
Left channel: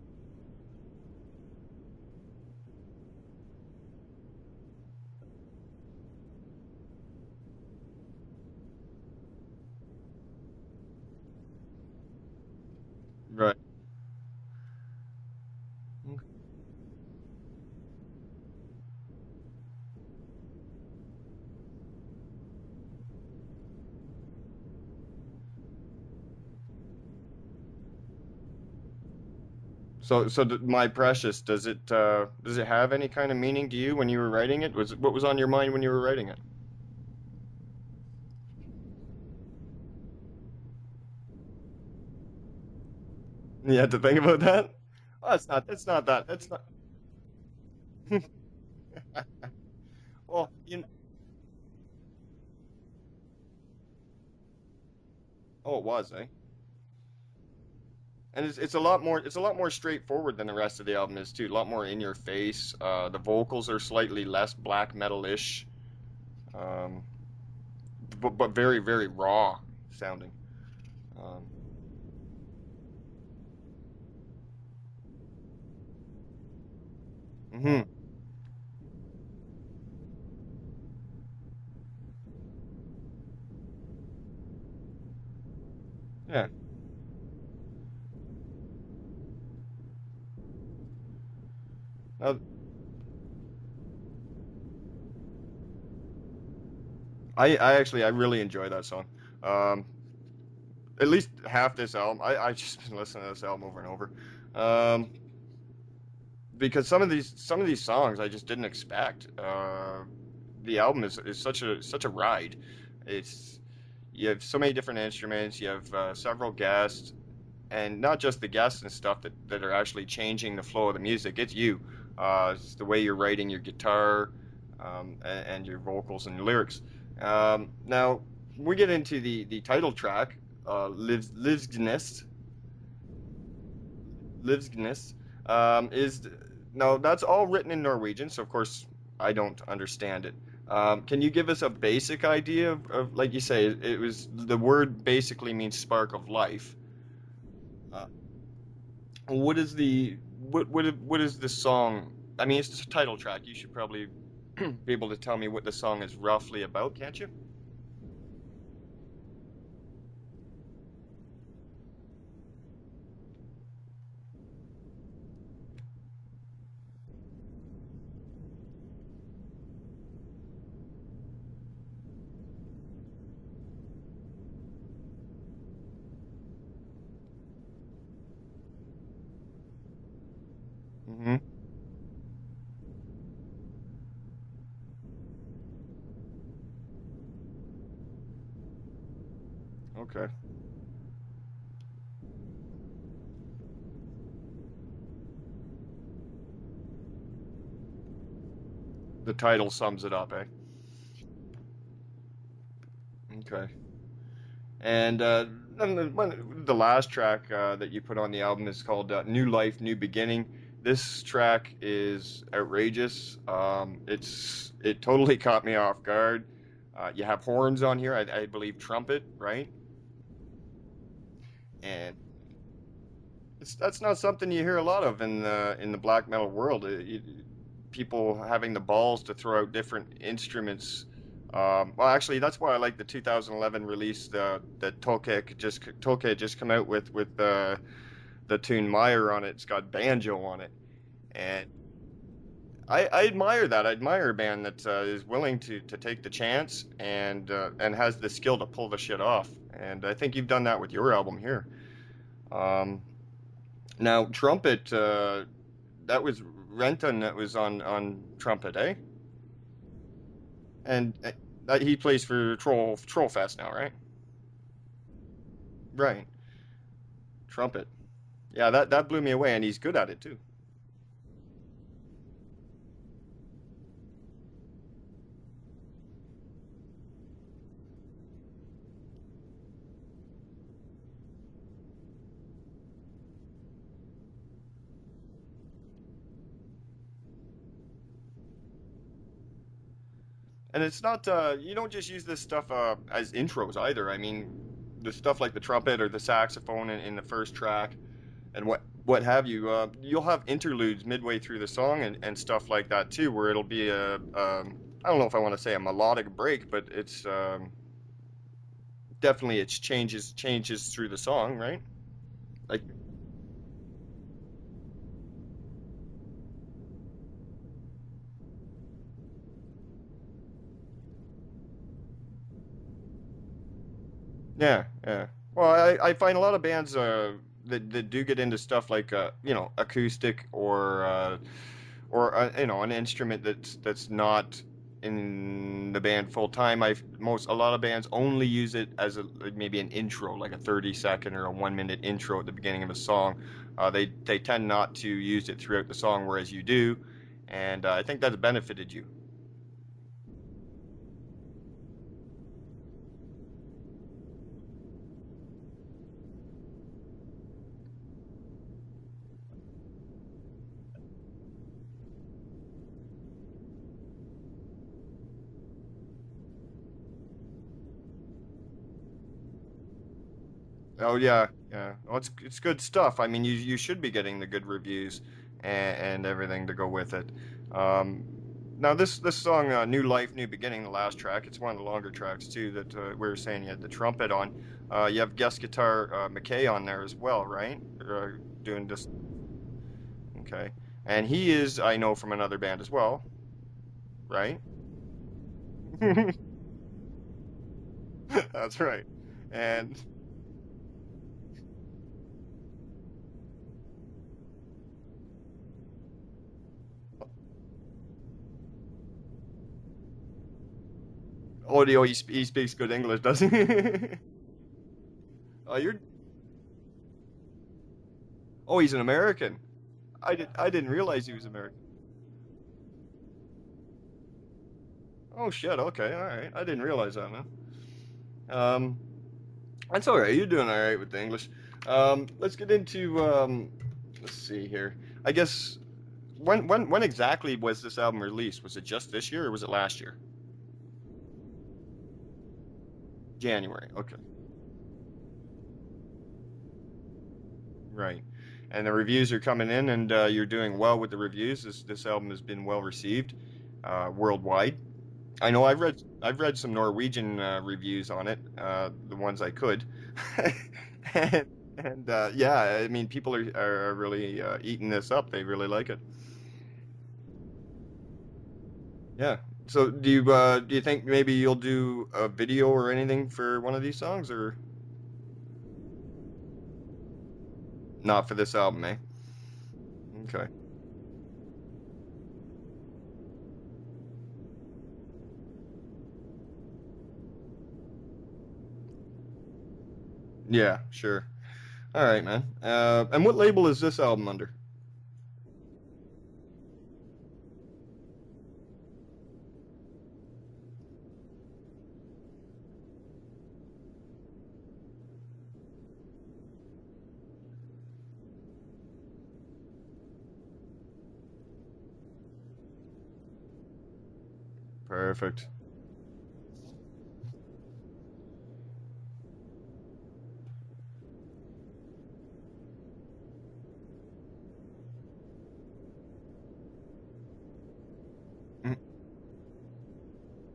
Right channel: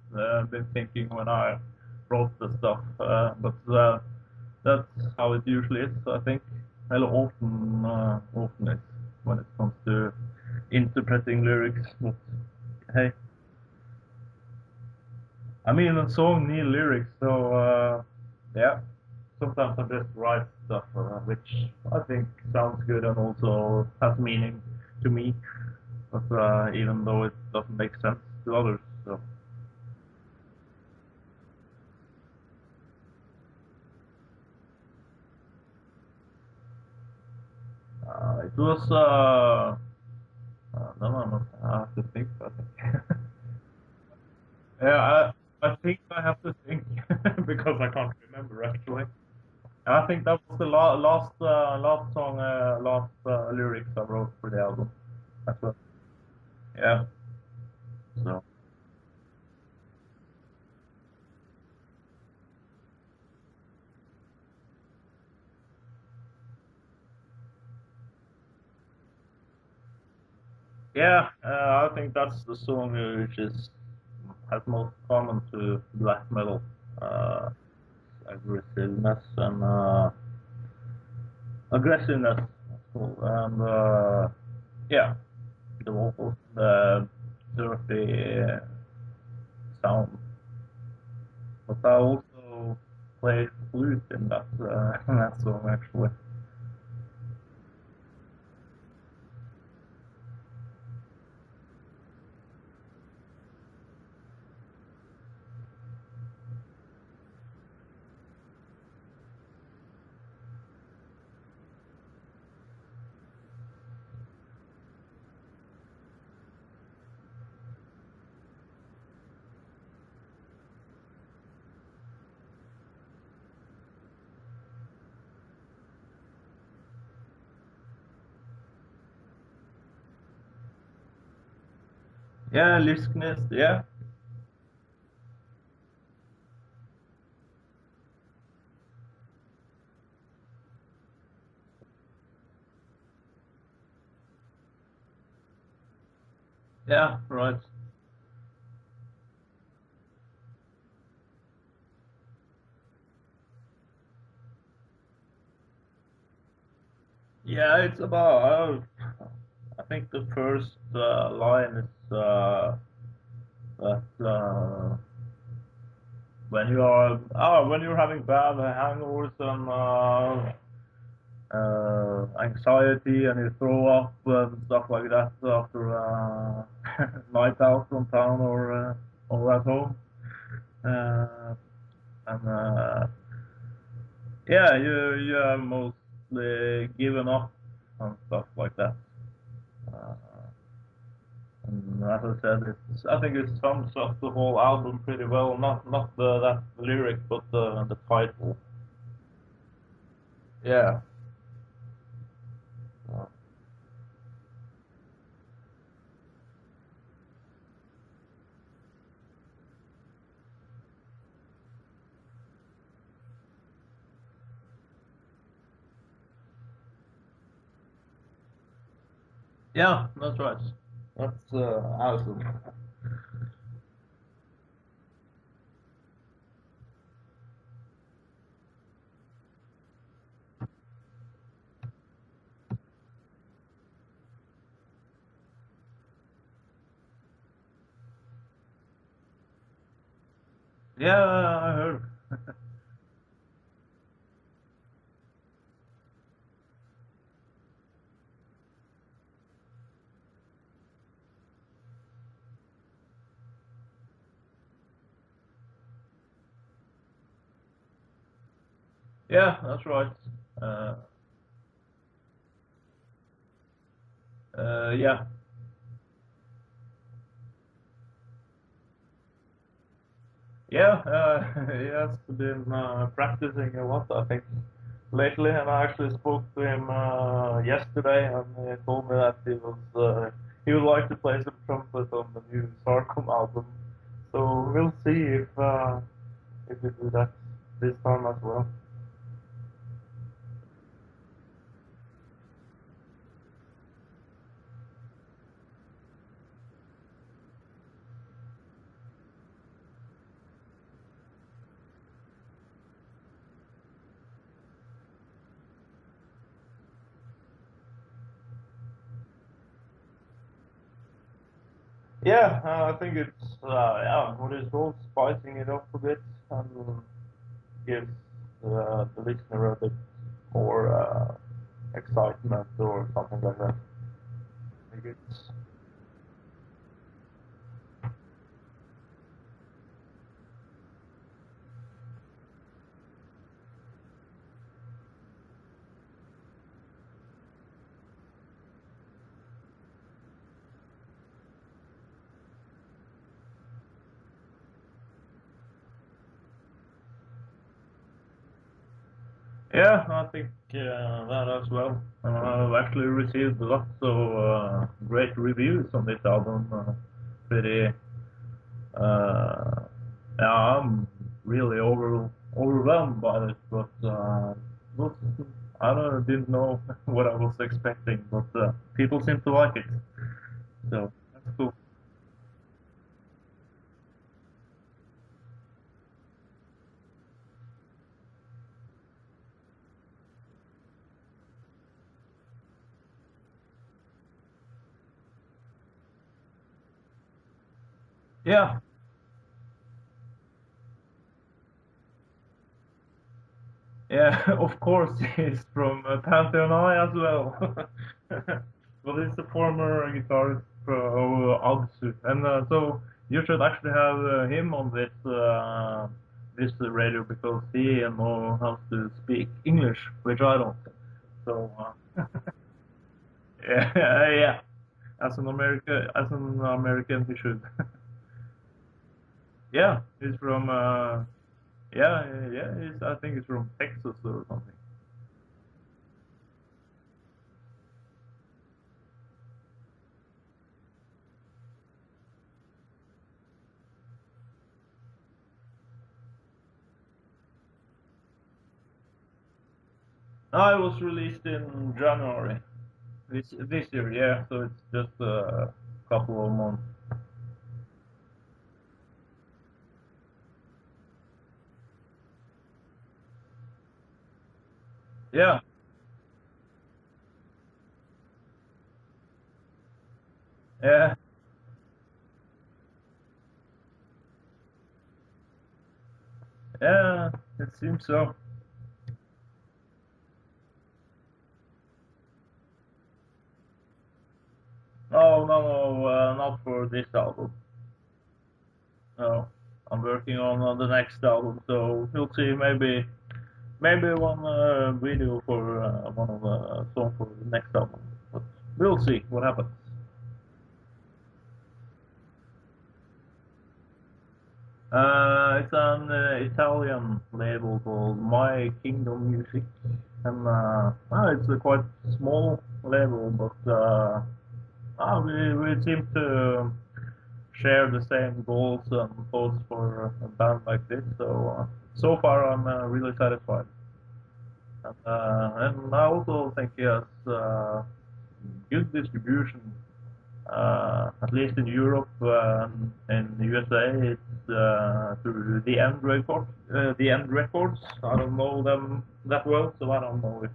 been thinking when I wrote the stuff. But that's how it usually is, I think. Often is when it comes to interpreting lyrics. But hey. Right. I mean, a song need lyrics, so yeah. Sometimes I just write stuff which I think sounds good and also has meaning to me, but even though it doesn't make sense to others. So My Precious, does it have any kind of meaning to you when you were writing it? What was on your mind when you were writing it? It was I have to think about it. You had to think about that? Yeah, It's not that. I have to think because I can't remember actually. I think that was the last song, lyrics I wrote for the album. Oh, it was, eh? Yeah. So. And it's a lot more straightforward than the rest of the album is too. A lot more in your face. The vocals are slightly less black metal-ish, but very, very raw sounding. Yeah, I think that's the song which has most common to black metal. Aggressiveness and and yeah, the vocals, the dirty sound. But I also played flute in that song actually. I really enjoy that song. At least half this album. I just been listening to this album over and over. Because some of these songs I just didn't expect. The album is such a ride. You have so many different instruments. You have several guests, and not just the guests and stuff that are actually changing the flow of the music. It's you. It's the way you're writing your guitar, and your vocals and lyrics. Now we get into the title track, Livsgnist. Yeah, Livsgnist. Yeah. Livsgnist. No, that's all written in Norwegian, so of course I don't understand it. Can you give us a basic idea of like you say, it was the word basically means spark of life. Yeah, right. What is the song? I mean, it's the title track. You should probably be able to tell me what the song is roughly about, can't you? Yeah, it's about. I think the first line is that. When you're having bad hangovers and anxiety and you throw up and stuff like that after night out from town or at home, and yeah, you have mostly given up and stuff like that. Okay. And as I said, I think it sums up the whole album pretty well. Not that lyric, but the title. The title sums it up, eh? Yeah. Okay. And the last track that you put on the album is called New Life, New Beginning. This track is outrageous. It totally caught me off guard. You have horns on here, I believe trumpet, right? Yeah, that's right. That's awesome. That's not something you hear a lot of in the black metal world. People having the balls to throw out different instruments. Well, actually, that's why I like the 2011 release that Tolkien just come out with the tune Meyer on it. It's got banjo on it. Yeah, I heard. I admire that. I admire a band that is willing to take the chance and has the skill to pull the shit off. And I think you've done that with your album here. Now, trumpet, that was Renton that was on trumpet, eh? Yeah, that's right. And he plays for Trollfest now, right? Yeah. Right. Trumpet. Yeah, that blew me away, and he's good at it too. Yeah, he has been practicing a lot, I think, lately, and I actually spoke to him yesterday, and he told me that he would like to play the trumpet on the new Sarkom album. So we'll see if we do that this time as well. And it's not you don't just use this stuff as intros either. I mean, the stuff like the trumpet or the saxophone in the first track, and what have you. You'll have interludes midway through the song and stuff like that too, where it'll be I don't know if I want to say a melodic break, but it's definitely it changes through the song, right? Yeah, I think it's what is called spicing it up a bit and gives the listener a bit more excitement or something like that. Yeah. Well, I find a lot of bands that do get into stuff like acoustic or an instrument that's not in the band full time. A lot of bands only use it as maybe an intro, like a 30-second or a 1-minute intro at the beginning of a song. They tend not to use it throughout the song, whereas you do, and I think that's benefited you. Yeah, I think that as well. I've actually received lots of great reviews on this album. Pretty, I'm really overwhelmed by it, but didn't know what I was expecting, but people seem to like it. So, oh yeah, cool. yeah. Well, it's good stuff. I mean, you should be getting the good reviews and everything to go with it. Now this song, New Life, New Beginning, the last track, it's one of the longer tracks too that we were saying you had the trumpet on. You have guest guitar McKay on there as well, right? Yeah. Doing this. Okay. And he is, I know, from another band as well. Yeah, right? Of course he's from Pantheon I as well. That's right. But he's a former guitarist of Unsgaard. And so you should actually have him on this radio because he knows how to speak English, which I don't. So, he speaks good English, doesn't he? yeah. As an American, he should. Oh, he's an American. Yeah. I didn't realize he was American. Yeah. I think he's from Texas or something. Oh shit. Okay. All right. I didn't realize that, man. That's all right. You're doing all right with the English. Let's get into. Let's see here. I guess when exactly was this album released? Was it just this year or was it last year? No, it was released in January. January. This year, okay. Yeah. So it's just a couple of months. Right. And the reviews are coming in, and you're doing well with the reviews. This album has been well received worldwide. Yeah. I know I've read some Norwegian reviews on it, the ones I could. Yeah. and yeah, I mean, people are really eating this up. They really like it. Yeah, it seems so. Yeah. So do you think maybe you'll do a video or anything for one of these songs, or? No, not for this album. Not for this album, eh? No, I'm working on the next album, so we'll see. Maybe one video for one of the songs for the next album. But we'll see what happens. Yeah, sure. All right, man. And what label is this album under? It's an Italian label called My Kingdom Music, and it's a quite small label, but we seem to share the same goals and thoughts for a band like this. So far I'm really satisfied. Perfect. And I also think he has good distribution, at least in Europe and in the USA. It's through the End Records. I don't know them that well, so I don't know if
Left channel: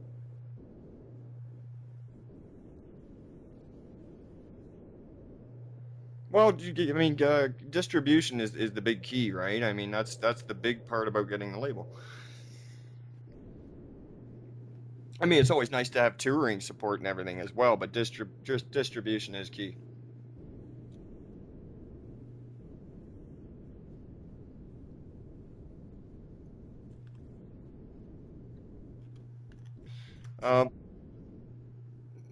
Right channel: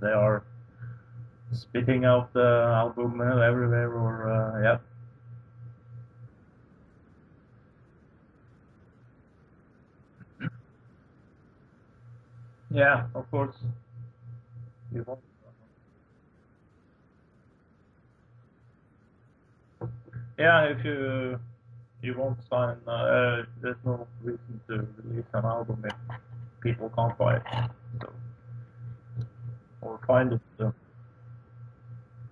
they are spitting out the album everywhere or yeah. Well, I mean, distribution is the big key, right? I mean, that's the big part about getting the label. Yeah, of course. I mean, it's always nice to have touring support and everything as well, but distribution is key. Yeah, if you won't sign, there's no reason to release an album if people can't buy it. So, or find it.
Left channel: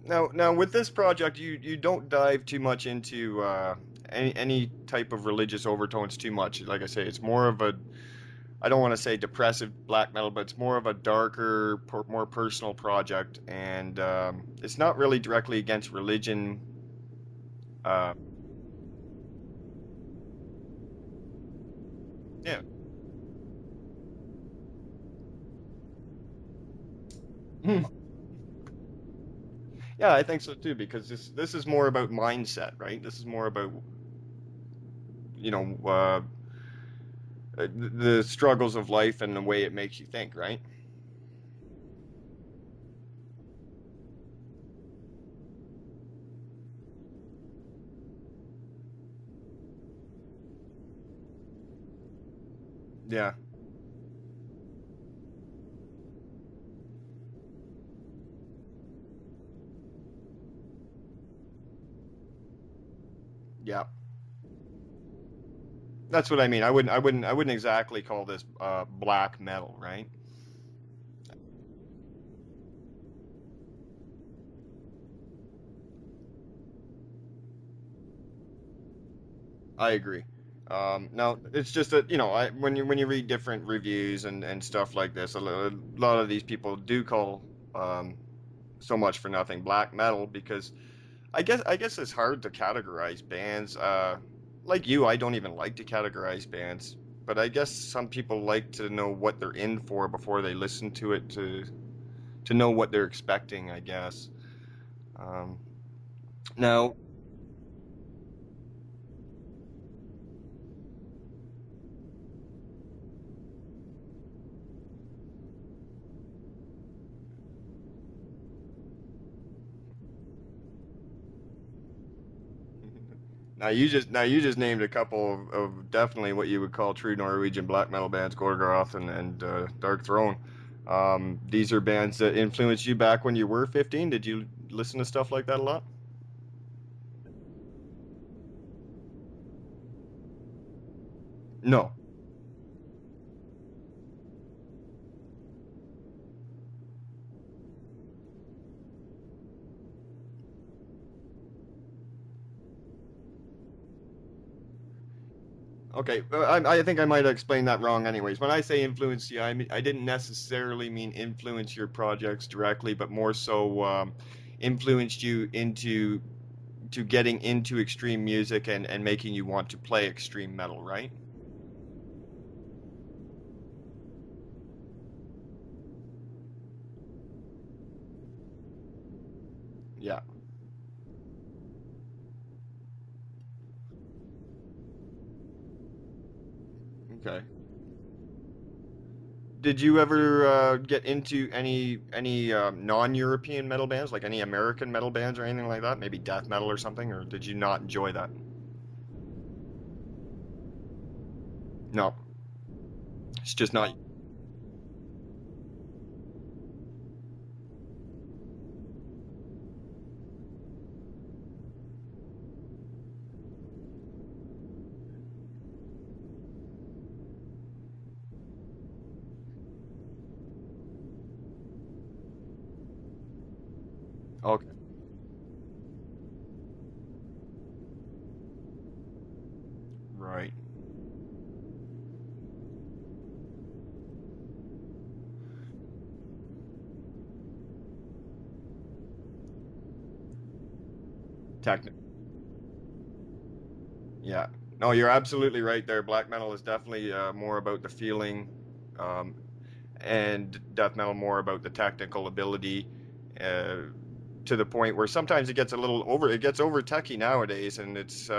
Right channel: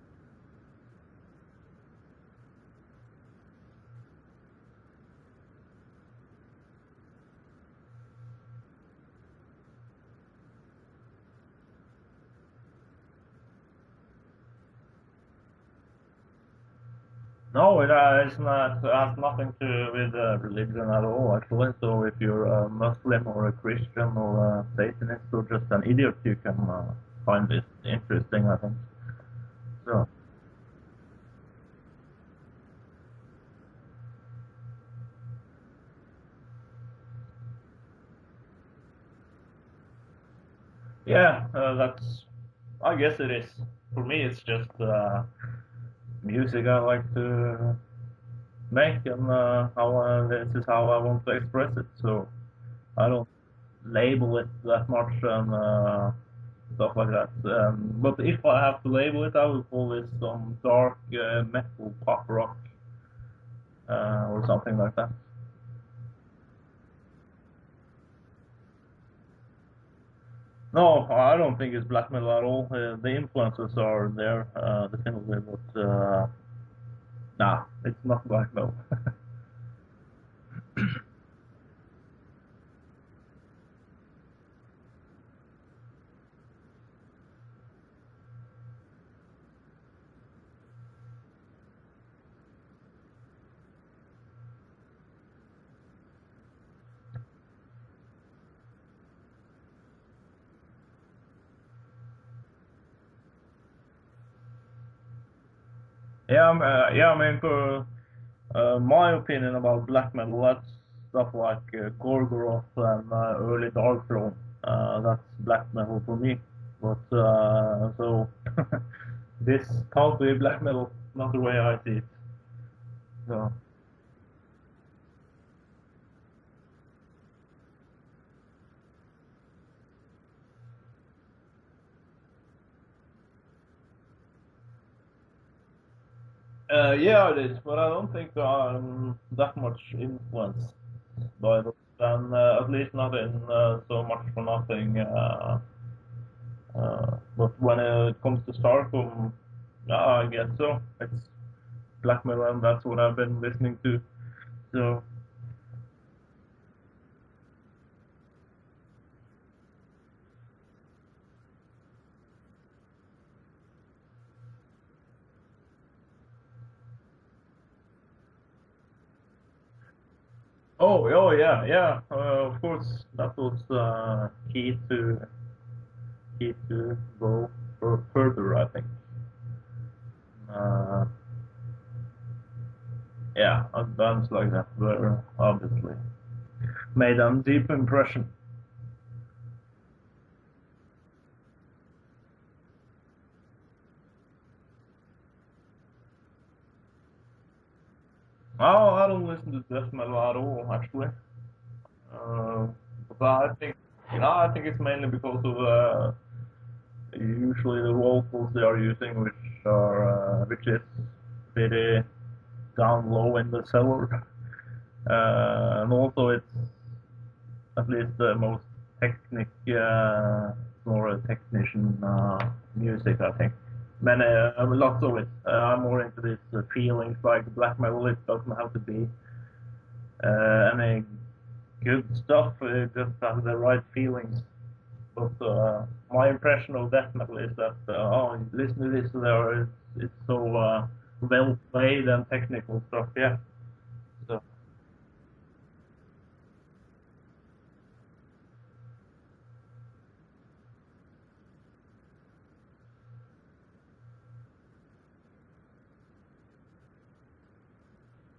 Now, with this project, you don't dive too much into any type of religious overtones too much. Like I say, it's more of a, I don't want to say depressive black metal, but it's more of a darker, more personal project, and it's not really directly against religion. No, it's not. It has nothing to do with religion at all, actually. So if you're a Muslim or a Christian or a Satanist or just an idiot, you can find it interesting, I think. So. Yeah, I think so too, because this is more about mindset, right? This is more about, the struggles of life and the way it makes you think, right? Yeah, I guess it is. For me, it's just music I like to make, and this is how I want to express it. So I don't label it that much and stuff like that. But if I have to label it, I will call it some dark metal pop rock. Yeah. Or something like that. That's what I mean. I wouldn't exactly call this black metal, right? No, I don't think it's black metal at all. The influences are there, definitely, but nah, it's not black metal. I agree. Now it's just that when you read different reviews and stuff like this, a lot of these people do call so much for nothing black metal because I guess it's hard to categorize bands. Like you, I don't even like to categorize bands, but I guess some people like to know what they're in for before they listen to it to know what they're expecting, I guess. Um, now, Yeah, I mean, for my opinion about black metal, that's stuff like Gorgoroth and early Darkthrone. That's black metal for me. But so this can't be black metal, not the way I see it. So. now you just named a couple of definitely what you would call true Norwegian black metal bands, Gorgoroth and Dark Throne. These are bands that influenced you back when you were 15. Did you listen to stuff like that a lot? Yeah, it is, but I don't think I'm that much influenced by them. No. And at least not in so much for nothing. But when it comes to Sarkom, I guess so. It's black metal, and that's what I've been listening to. So. Okay, I think I might have explained that wrong. Anyways, when I say influence you, I didn't necessarily mean influence your projects directly, but more so influenced you into getting into extreme music and making you want to play extreme metal. Oh, right? oh yeah. Of course, that was key to go further, I think. Yeah. Yeah, bands like that were obviously made a deep impression. Did you ever get into any non-European metal bands, like any American metal bands or anything like that? Maybe death metal or something, or did you not enjoy that? Oh, I don't listen to death metal at all, actually. No. But it's just not. I think it's mainly because of usually the vocals they are using, which is pretty down low in the cellar, and also it's at least the most more technician music, I think. Lots of it. I'm more into this feelings like black metal. It doesn't have to be any good stuff. It just has the right feelings. But my impression of death metal is that listen to this, it's so well played and technical stuff. Yeah. Yeah. No, you're absolutely right there. Black metal is definitely more about the feeling, and death metal more about the technical ability, to the point where sometimes it gets over techy nowadays, and it's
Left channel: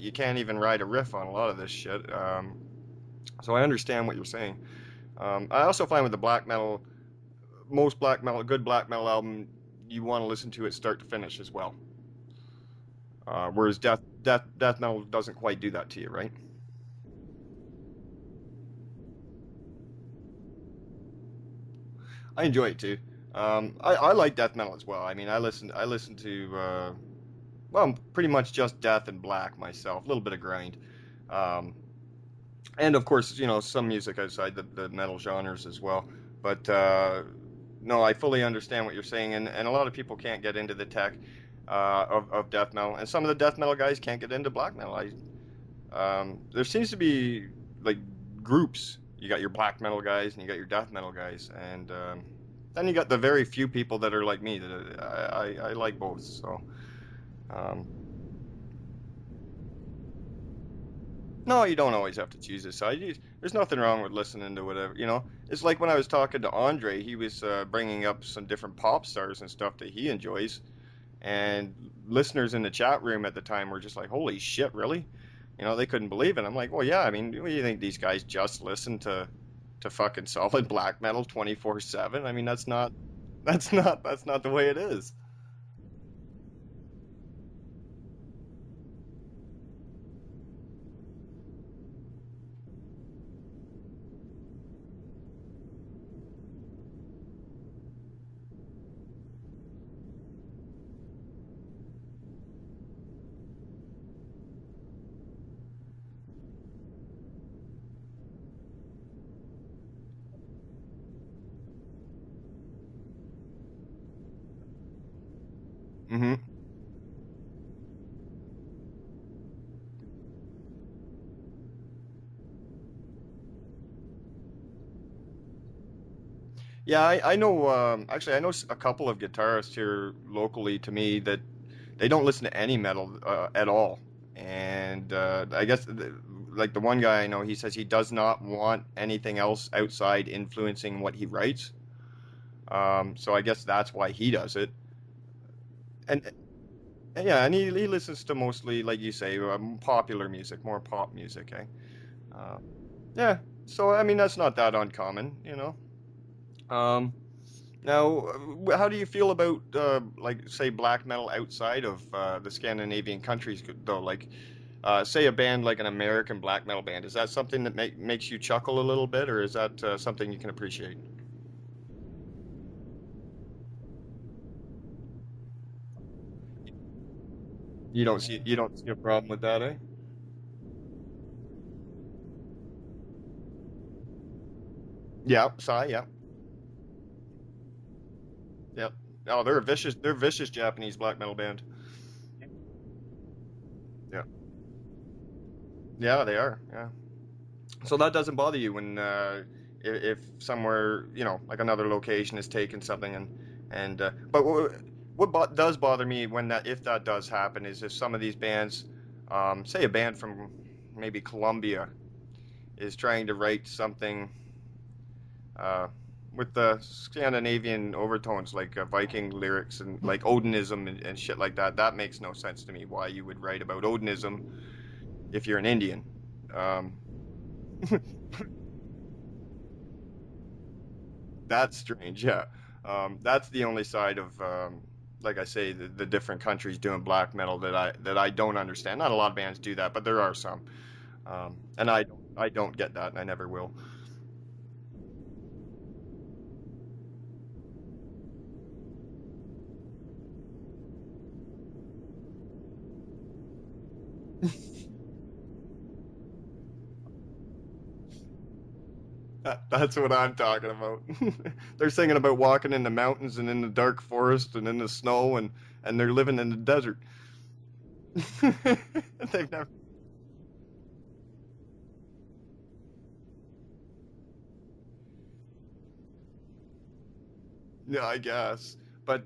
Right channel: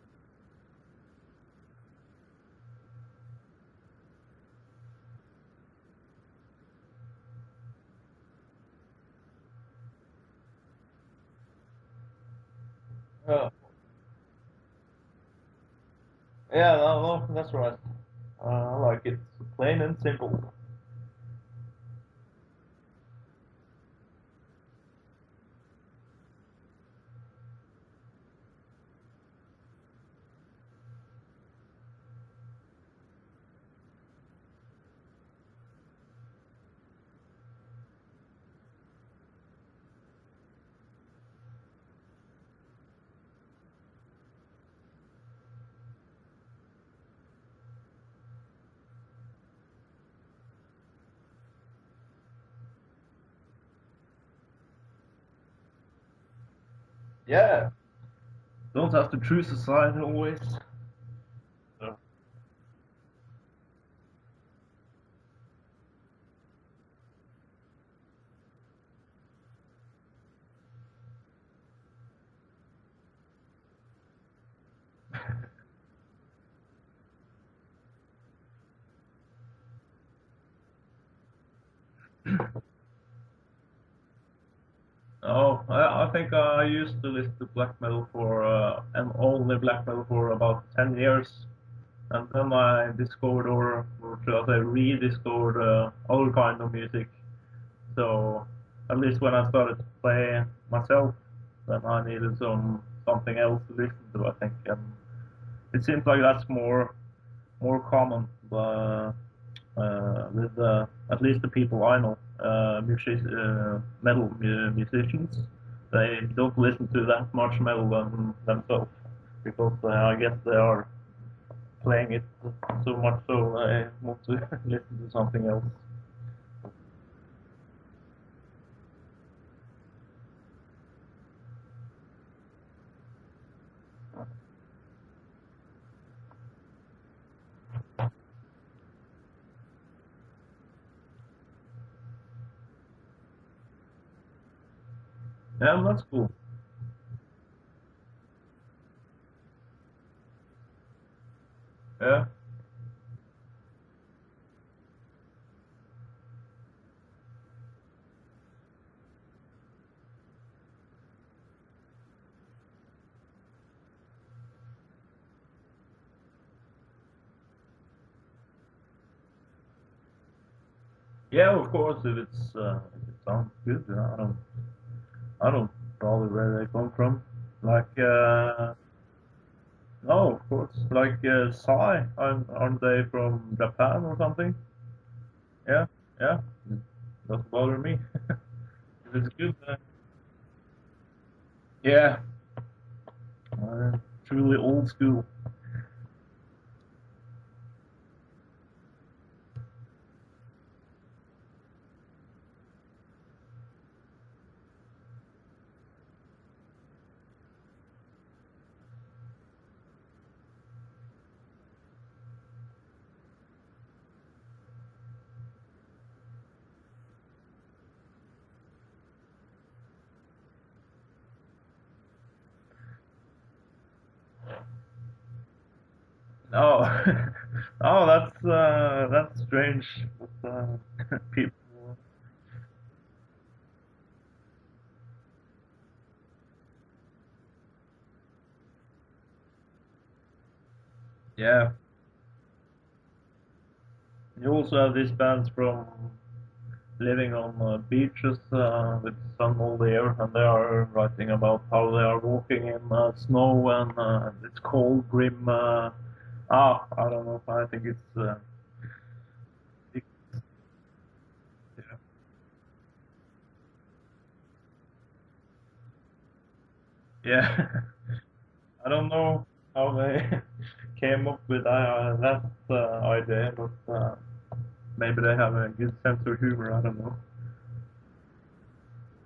you can't even ride a riff on a lot of this shit. So I understand what you're saying. I also find with the black metal, good black metal album, you want to listen to it start to finish as well. Whereas death metal doesn't quite do that to you, right? Yeah, no, that's right. I like it plain and simple. I enjoy it too. I like death metal as well. I mean, I listen to pretty much just death and black myself. A little bit of grind, and of course, some music outside the metal genres as well. But no, I fully understand what you're saying, and a lot of people can't get into the tech of death metal, and some of the death metal guys can't get into black metal. There seems to be like groups. You got your black metal guys and you got your death metal guys, and then you got the very few people that are like me that I like both. So yeah, don't have to choose a side always. No, you don't always have to choose a side. There's nothing wrong with listening to whatever. It's like when I was talking to Andre, he was bringing up some different pop stars and stuff that he enjoys. And listeners in the chat room at the time were just like, holy shit, really? They couldn't believe it. I'm like, well, yeah, I mean, what do you think these guys just listen to fucking solid black metal 24/7? I mean, that's not the way it is. Oh, I think I used to listen to black metal and only black metal for about 10 years. And then I discovered, or should I say rediscovered, other kind of music. So at least when I started to play myself, then I needed something else to listen to, I think. And it seems like that's more common with at least the people I know, metal musicians, they don't listen to that much metal themselves, because I guess they are playing it so much so I want to listen to something else. Yeah, I know, actually, I know a couple of guitarists here locally to me that they don't listen to any metal at all. And I guess, like the one guy I know, he says he does not want anything else outside influencing what he writes. So I guess that's why he does it. Yeah, that's cool. Yeah, and he listens to mostly, like you say, popular music, more pop music, eh? Yeah. Yeah, so, I mean, that's not that uncommon, you know? Now, how do you feel about, like, say, black metal outside of the Scandinavian countries, though? Like, say a band like an American black metal band, is that something that makes you chuckle a little bit, or is that something you can appreciate? Yeah, of course, if it sounds good, I don't bother where they come from. Like you don't see a problem with that, eh? No, of course. Like Psy, aren't they from Japan or something? Yeah, Psy, yeah. Yeah, doesn't bother me. Yep. Oh, they're a vicious Japanese black metal band. Yeah. Truly old school. Yeah, they are. Yeah. So that doesn't bother you when if somewhere, you know, like another location is taking something but what does bother me if that does happen is if some of these bands, say a band from maybe Colombia, is trying to write something with the Scandinavian overtones, like Viking lyrics and like Odinism and shit like that. That makes no sense to me. Why you would write about Odinism if you're an Indian? That's strange. That's strange. Yeah, that's the only side of, like I say, the different countries doing black metal that I don't understand. Not a lot of bands do that, but there are some. And I don't get that, and I never will. You also have these bands from living on beaches with sun all year, and they are writing about how they are walking in snow and it's cold, grim. I don't know. I think it's. That's what I'm talking about. They're singing about walking in the mountains and in the dark forest and in the snow, and they're living in the desert. Yeah. I don't know how they came up with that idea, but maybe they have a good sense of humor. I don't know. Yeah, I guess. But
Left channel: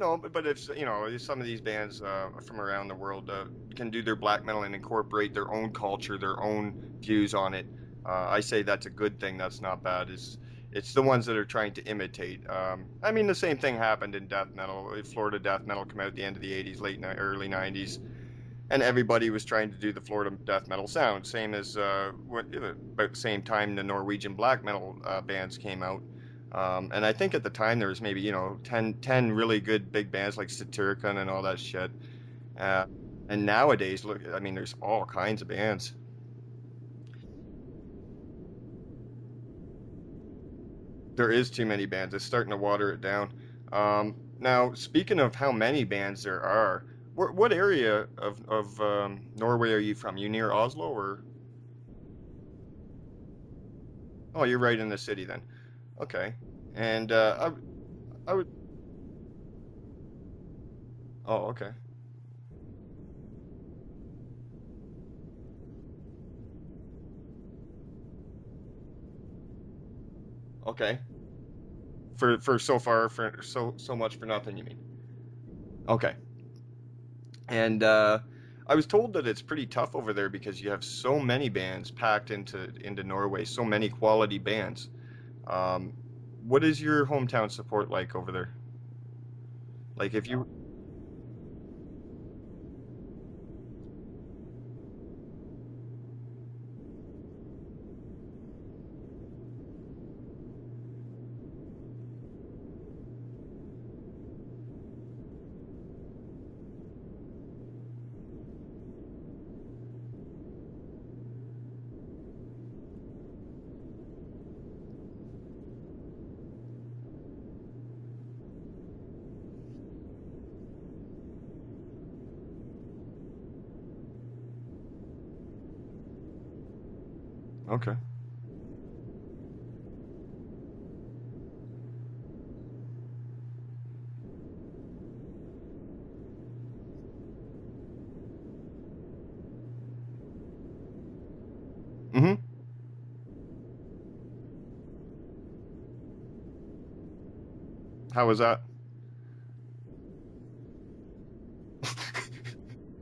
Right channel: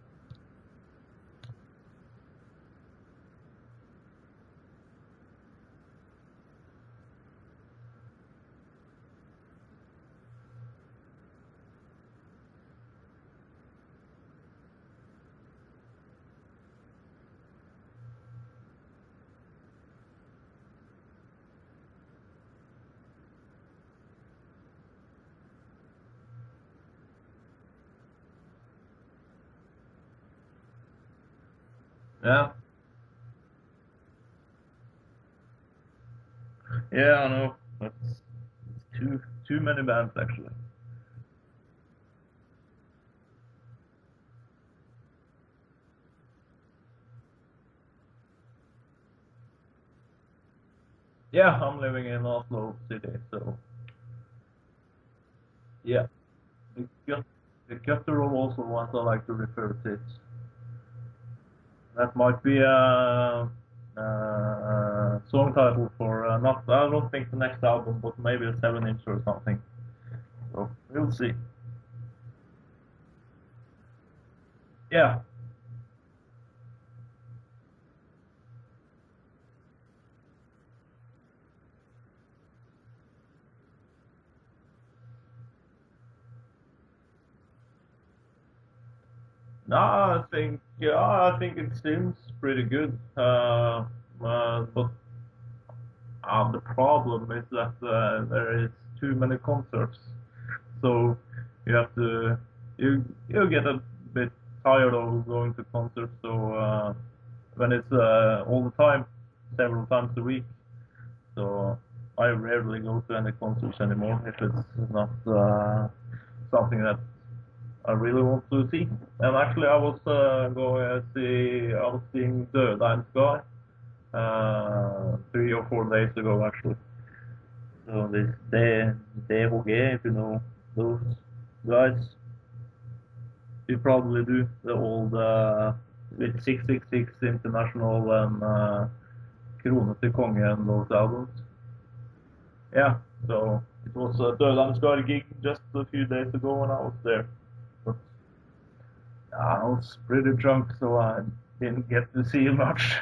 no, but if you know, some of these bands from around the world can do their black metal and incorporate their own culture, their own views on it. I say that's a good thing. That's not bad. It's the ones that are trying to imitate. I mean, the same thing happened in death metal. Florida death metal came out at the end of the 80s, early 90s, and everybody was trying to do the Florida death metal sound. Same as about the same time the Norwegian black metal bands came out. And I think at the time there was maybe 10 really good big bands like Satyricon and all that shit. Yeah. And nowadays, look, I mean, there's all kinds of bands. Yeah, I know. That's too many bands, actually. There is too many bands. It's starting to water it down. Now, speaking of how many bands there are, what area of Norway are you from? You near Oslo, or? Yeah, I'm living in Oslo city, so. Oh, you're right in the city then. Yeah. Okay. And Guttural also ones I like to refer to it. Oh, okay. That might be a song title for I don't think the next album, but maybe a 7-inch or something. So okay. We'll see. For so far, for so much for nothing, you mean? Yeah. Okay. And I was told that it's pretty tough over there because you have so many bands packed into Norway, so many quality bands. What is your hometown support like over there? No, I think it seems pretty good. But the problem is that there is too many concerts, so you have to you get a bit tired of going to concerts. So when it's all the time, several times a week, so I rarely go to any concerts anymore if it's not something that I really want to see. And actually, I was seeing the Unsgaard 3 or 4 days ago, actually. Okay. So this DHG, if you know those guys. You probably do the old with 666 International and Krone til Konge and those albums. Mm-hmm. Yeah, so it was a Unsgaard gig just a few days ago when I was there. But, how was that? I was pretty drunk, so I didn't get to see much.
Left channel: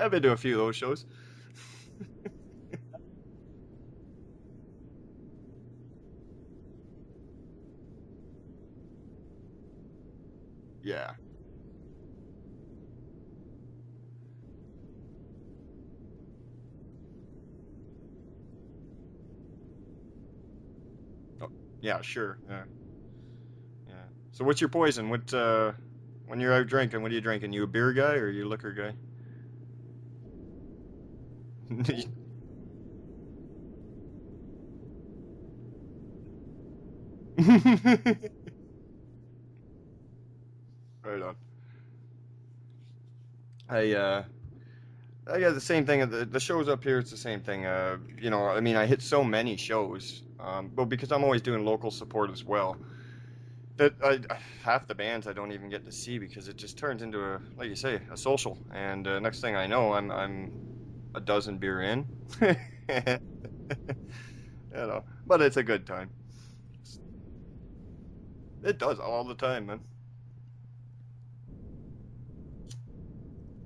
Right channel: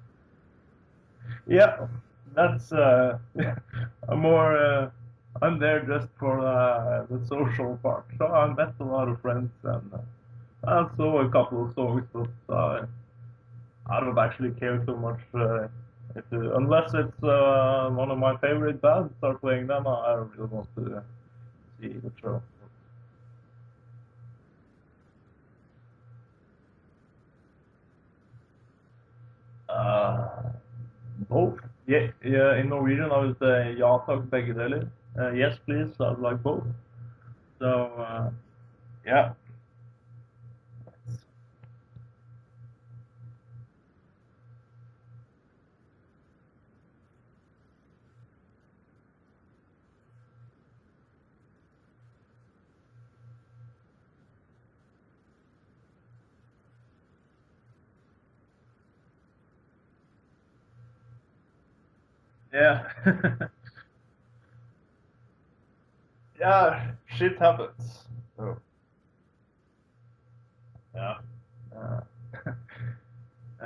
I've been to a few of those shows. Yeah, that's I'm there just for the social part. So I met a lot of friends and I saw a couple of songs, but I don't actually care so much. Unless it's one of my favorite bands start playing them, I don't really want to. Yeah, sure. Yeah. So what's your poison? What when you're out drinking, what are you drinking? You a beer guy or you a liquor guy? Both. Yeah, in Norwegian I would say ja takk, begge deler. Yes, please, I'd like both. So, yeah. Right on. I got the same thing. The shows up here, it's the same thing. You know, I mean, I hit so many shows, but because I'm always doing local support as well, that half the bands I don't even get to see because it just turns into like you say, a social. And next thing I know, I'm a dozen beer in. Yeah. You know, but it's a good time. Yeah, shit happens. Oh. It does all the time, man. Yeah.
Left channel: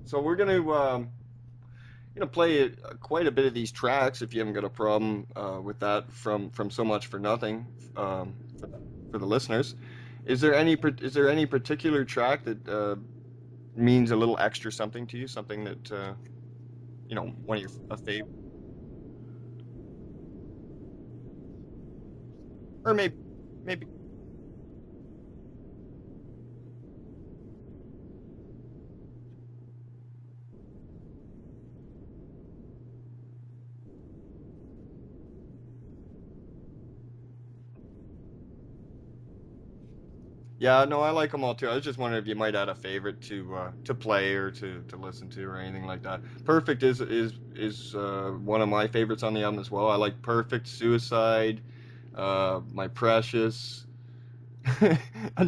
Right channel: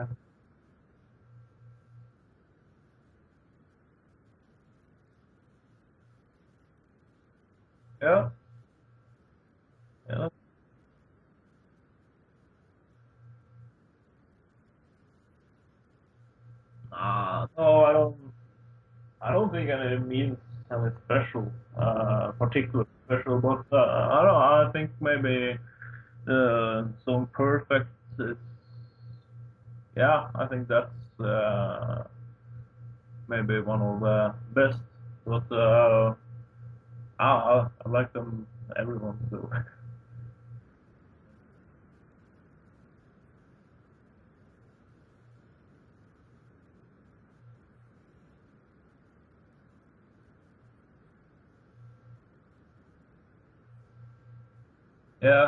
So we're gonna play quite a bit of these tracks if you haven't got a problem with that from So Much for Nothing for the listeners. Yeah. Is there any particular track that means a little extra something to you? Something that one of your favorites? I don't think it means something special, particular or maybe, special, but maybe. I don't know. I think maybe the song "Perfect" is. Yeah, I think that's maybe one of the best. But I like them, everyone. So. Yeah, no, I like them all too. I was just wondering if you might add a favorite to play or to listen to or anything like that. Perfect is one of my favorites on the album as well. I like Perfect, Suicide, My Precious. Yeah.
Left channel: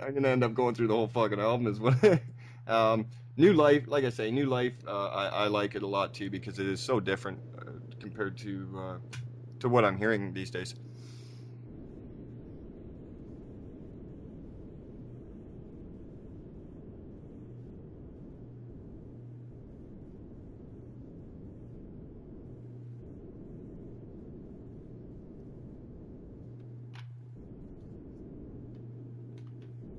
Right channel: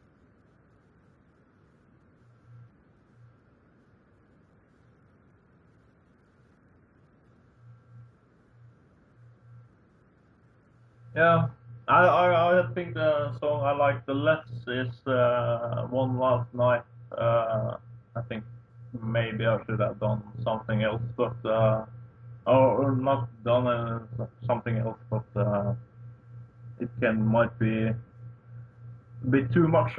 I'm gonna end up going through the whole fucking album as well. New Life, like I say, New Life. I like it a lot too because it is so different compared to what I'm hearing these days. Yeah. I think the song I like the less is One Last Night. I think maybe I should have done something else, but or not done something else, but it might be a bit too much.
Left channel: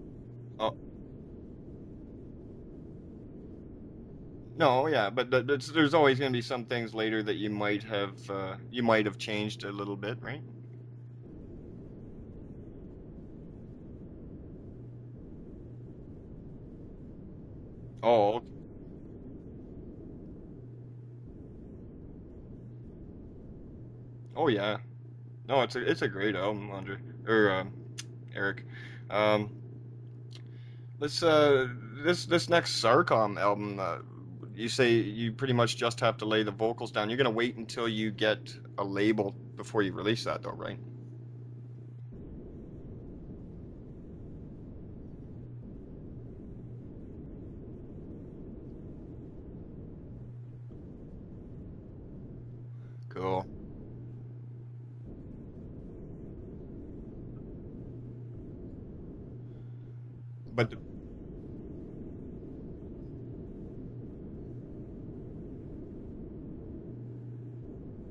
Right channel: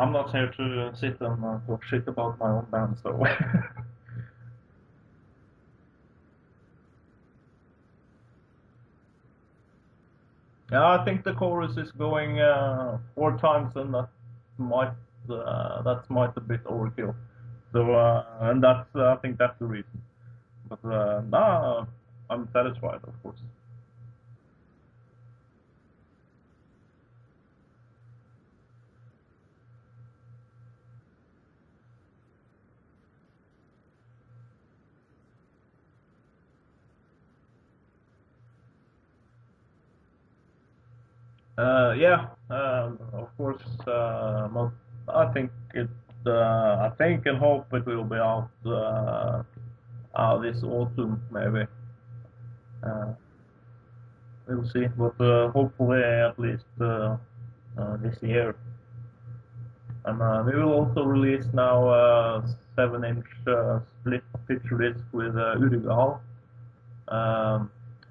I'm not here to sit and talk shit about my own band, so. No, yeah, but there's always going to be some things later that you might have changed a little bit, right? Yeah, I think the chorus is going 4 times, and that might a bit overkill. So, okay. And that's I think that's the reason. But nah, I'm satisfied, of course. Oh yeah, no, it's a great album, Andre or Erik. Let's this next Sarkom album. You say you pretty much just have to lay the vocals down. You're gonna wait until you get a label before you release that, though, right? Yeah, of course. I think I think and hope it will be out this autumn, maybe. Cool. We'll see, but hopefully at least this year. And we will also release now 7-inch split picture disc with Unsgaard.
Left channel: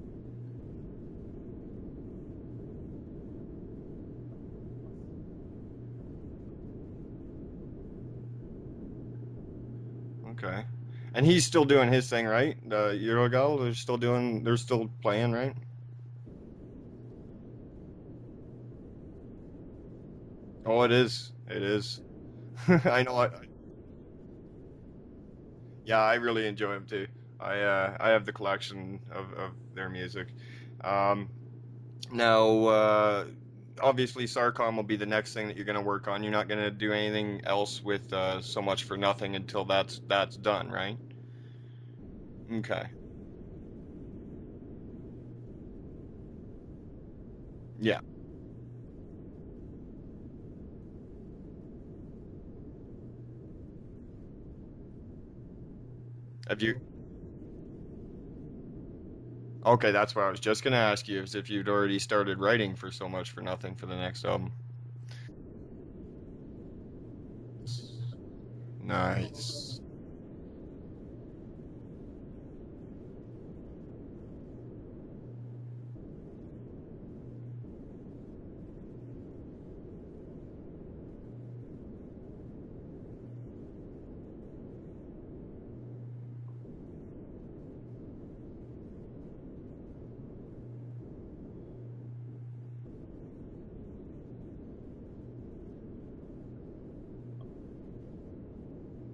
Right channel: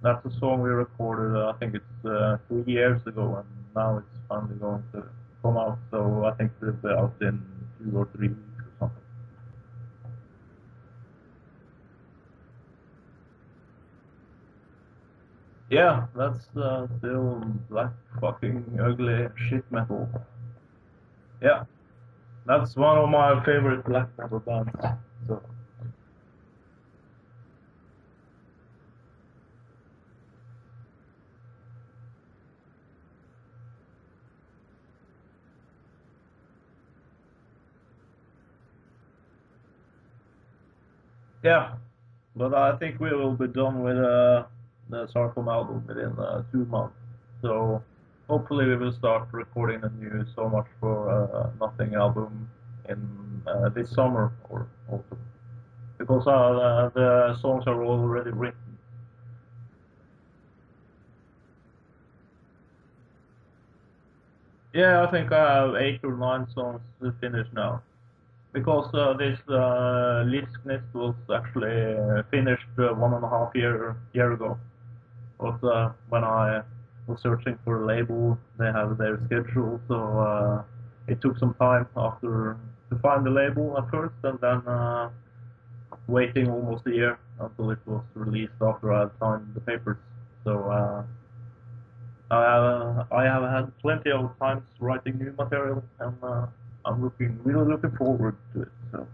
That's a song we recorded, I think it's 3 years ago, and now it's finally going to come out. So I think it'll be out in 2 or 3 weeks or something. Okay. And he's still doing his thing, right? Unsgaard, they're still playing, right? Yeah, that's still black fucking ugly shit metal. Oh, it is. Yeah. It is. That's one of my favorite black metal bands. So. Yeah, I really enjoy them too. I have the collection of their music. Now, obviously, Sarkom will be the next thing that you're going to work on. You're not going to do anything else with So Much for Nothing until that's done, right? Yeah, but okay. I think we will be done with the Sarkom album within 2 months. So yeah, hopefully we will start recording the new So Much for Nothing album in this summer or autumn. Because the songs are already written. Okay, that's what I was just gonna ask you, is if you'd already started writing for So Much for Nothing for the next album. Yeah, I think I have 8 or 9 songs finished now. Because this Liskness was actually finished 1.5 year ago. But when I was searching for a label, they have their schedule, so it took some time after to find the label at first, and then waiting almost a year until it was released after I had signed the papers. So I have had plenty of times writing new material, and I'm really looking forward to it. So.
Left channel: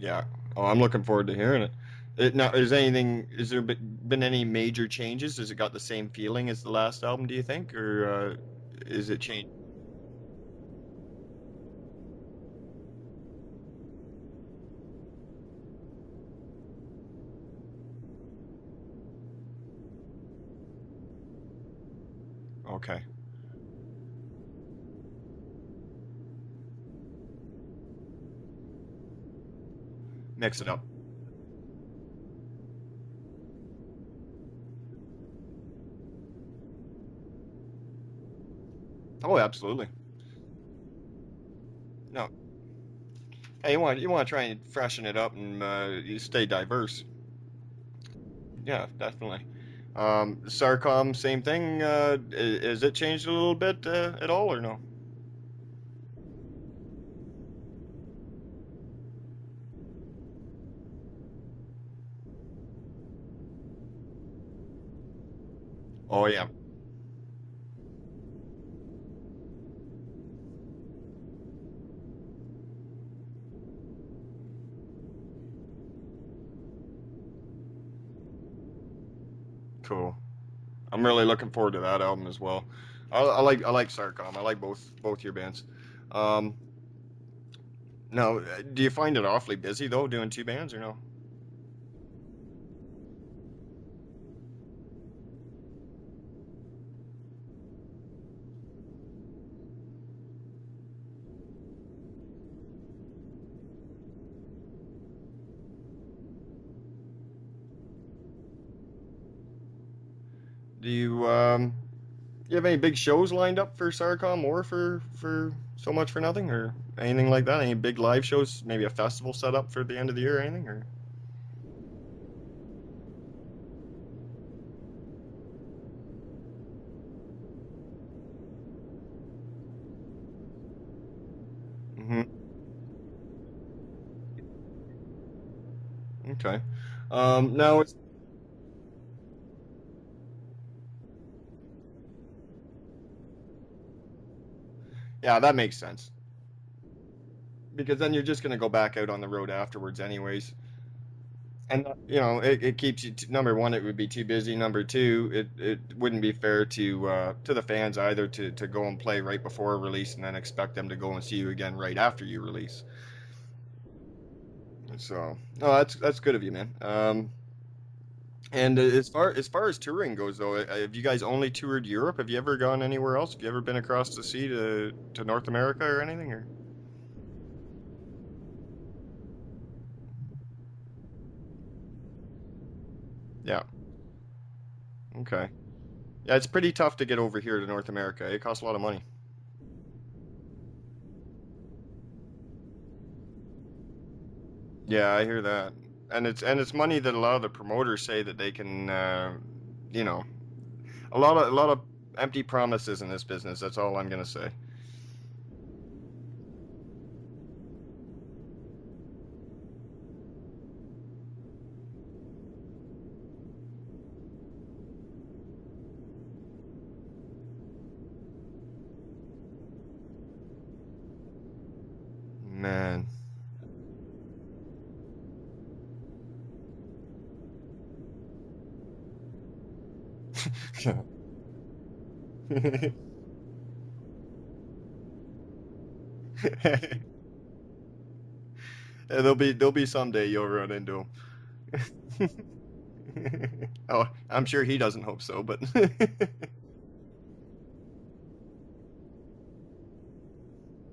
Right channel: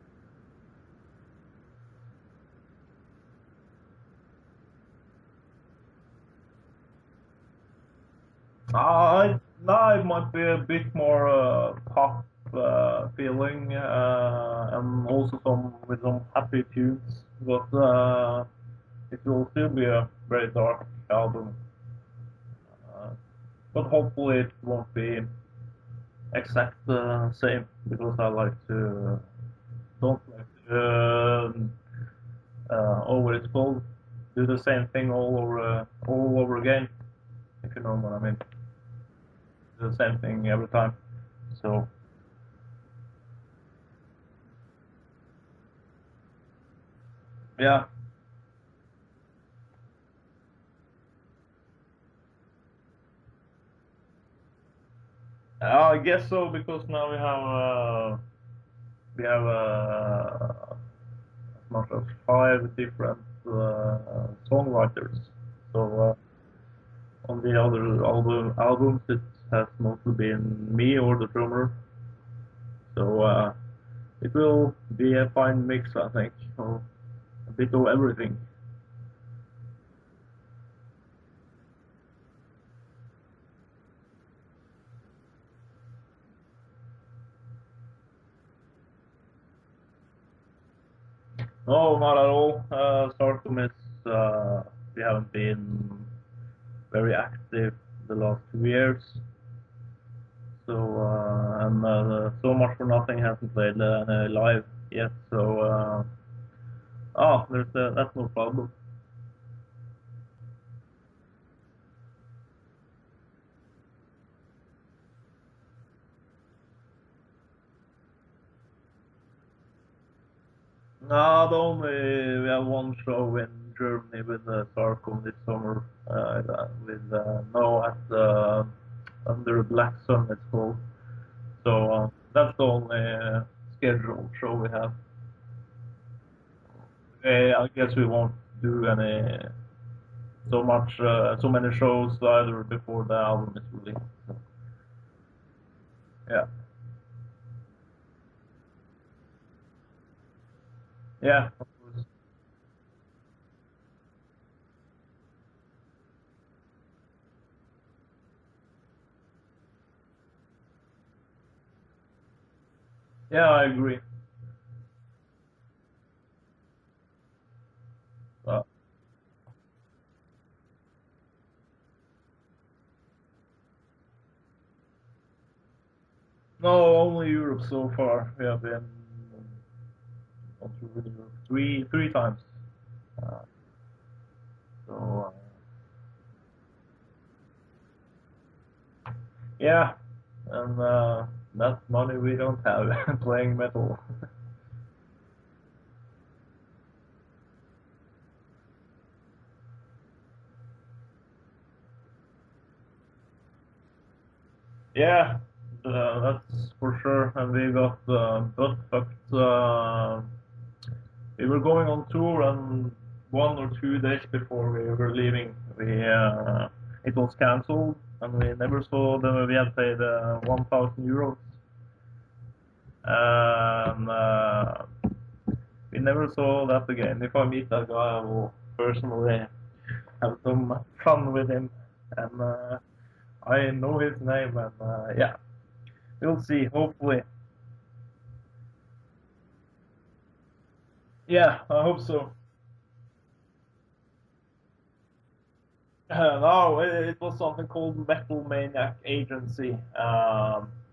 Yeah. Oh, I'm looking forward to hearing it. Now, is there been any major changes? Has it got the same feeling as the last album, do you think, or is it changed? No, it might be a bit more pop feeling, and also with some happy tunes, but it will still be a very dark album. Okay. But hopefully it won't be exact same, because I like to don't mix it up. What it's called, do the same thing all over again, if you know what I mean. Oh, absolutely. The same thing every time. So. No. Hey, you want to try and freshen it up and you stay diverse. Yeah. Yeah, definitely. Sarkom, same thing. Has it changed a little bit at all, or no? I guess so, because now we have as much as 5 different songwriters. So. Oh yeah. On the other albums, it has mostly been me or the drummer. So it will be a fine mix, I think, of a bit of everything. Cool. I'm really looking forward to that album as well. I like Sarkom. I like both your bands. Now, do you find it awfully busy though, doing 2 bands, or no? No, not at all. Sarkom is we haven't been very active the last 2 years. So and So Much for Nothing hasn't played live yet. So that's no problem. Do you have any big shows lined up for Sarkom or for So Much for Nothing, or anything like that? Any big live shows? Maybe a festival set up for the end of the year or anything? Or? No, we have one show in Germany with Sarkom this summer. At Under Black Sun, it's called. So that's the only scheduled show we have. Okay. I guess we won't do so many shows either before the album is released. Yeah, that makes sense. Yeah. Because then you're just gonna go back out on the road afterwards, anyways. Yeah. And it keeps you. Number one, it would be too busy. Number two, it wouldn't be fair to the fans either to go and play right before a release and then expect them to go and see you again right after you release. Yeah, I agree. So, no, that's good of you, man. And as far as touring goes, though, have you guys only toured Europe? Have you ever gone anywhere else? Have you ever been across the sea to North America or anything? Or? No, only Europe so far. We have been three times. Yeah. So, okay. Yeah, it's pretty tough to get over here to North America. It costs a lot of money. Yeah, and that's money we don't have playing metal. Yeah, I hear that. And it's money that a lot of the promoters say that they can, a lot of empty promises in this business. That's all I'm gonna say. Yeah, that's for sure. And we got butt fucked. We were going on tour, and 1 or 2 days before we were leaving, it was cancelled, and we never saw them. We had paid 1,000 euros. Man. We never saw that again. If I meet that guy, I will personally have some fun with him. And I know his name, and yeah, we'll see. Hopefully. Yeah, there'll be someday you'll run into him. Yeah, I hope so. Oh, I'm sure he doesn't hope so, but no, it was something called Metal Maniac Agency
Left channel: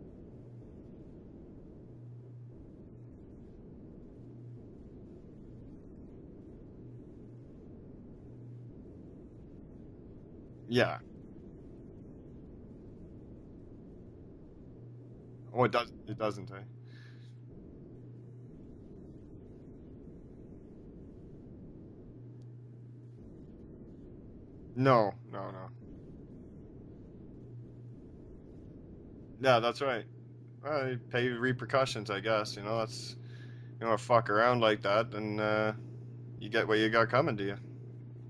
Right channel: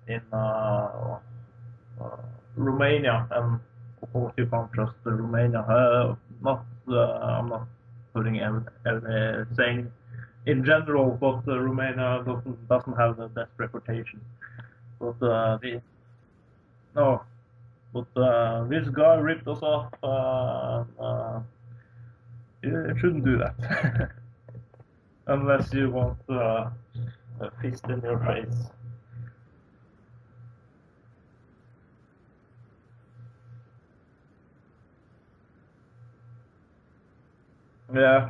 in Romania, and of course you can't trust the Romania. I'm not putting saying in general, but Romania doesn't have the best reputation. But it doesn't. Eh? No, but this guy ripped us off. You shouldn't do that. No. Unless you want a fist in your face. Yeah, that's right. Well, you pay repercussions, I guess. That's fuck around like that, and you get what you got coming to you. Yeah.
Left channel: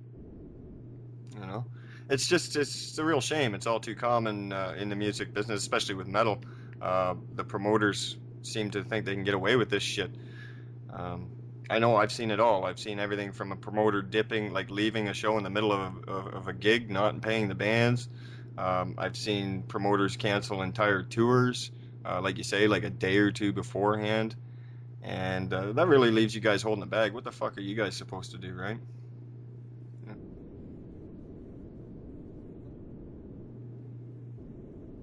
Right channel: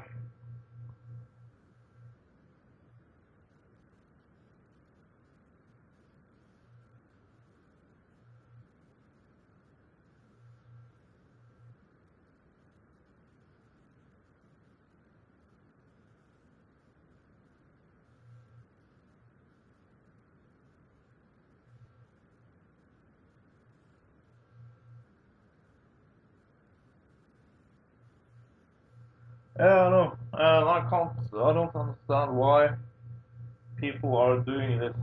It's a real shame. It's all too common in the music business, especially with metal. The promoters seem to think they can get away with this shit. I know I've seen it all. I've seen everything from a promoter dipping, like leaving a show in the middle of a gig, not paying the bands. I've seen promoters cancel entire tours, like you say, like a day or two beforehand. And that really leaves you guys holding the bag. What the fuck are you guys supposed to do, right? Yeah, I know. I don't understand why people are doing this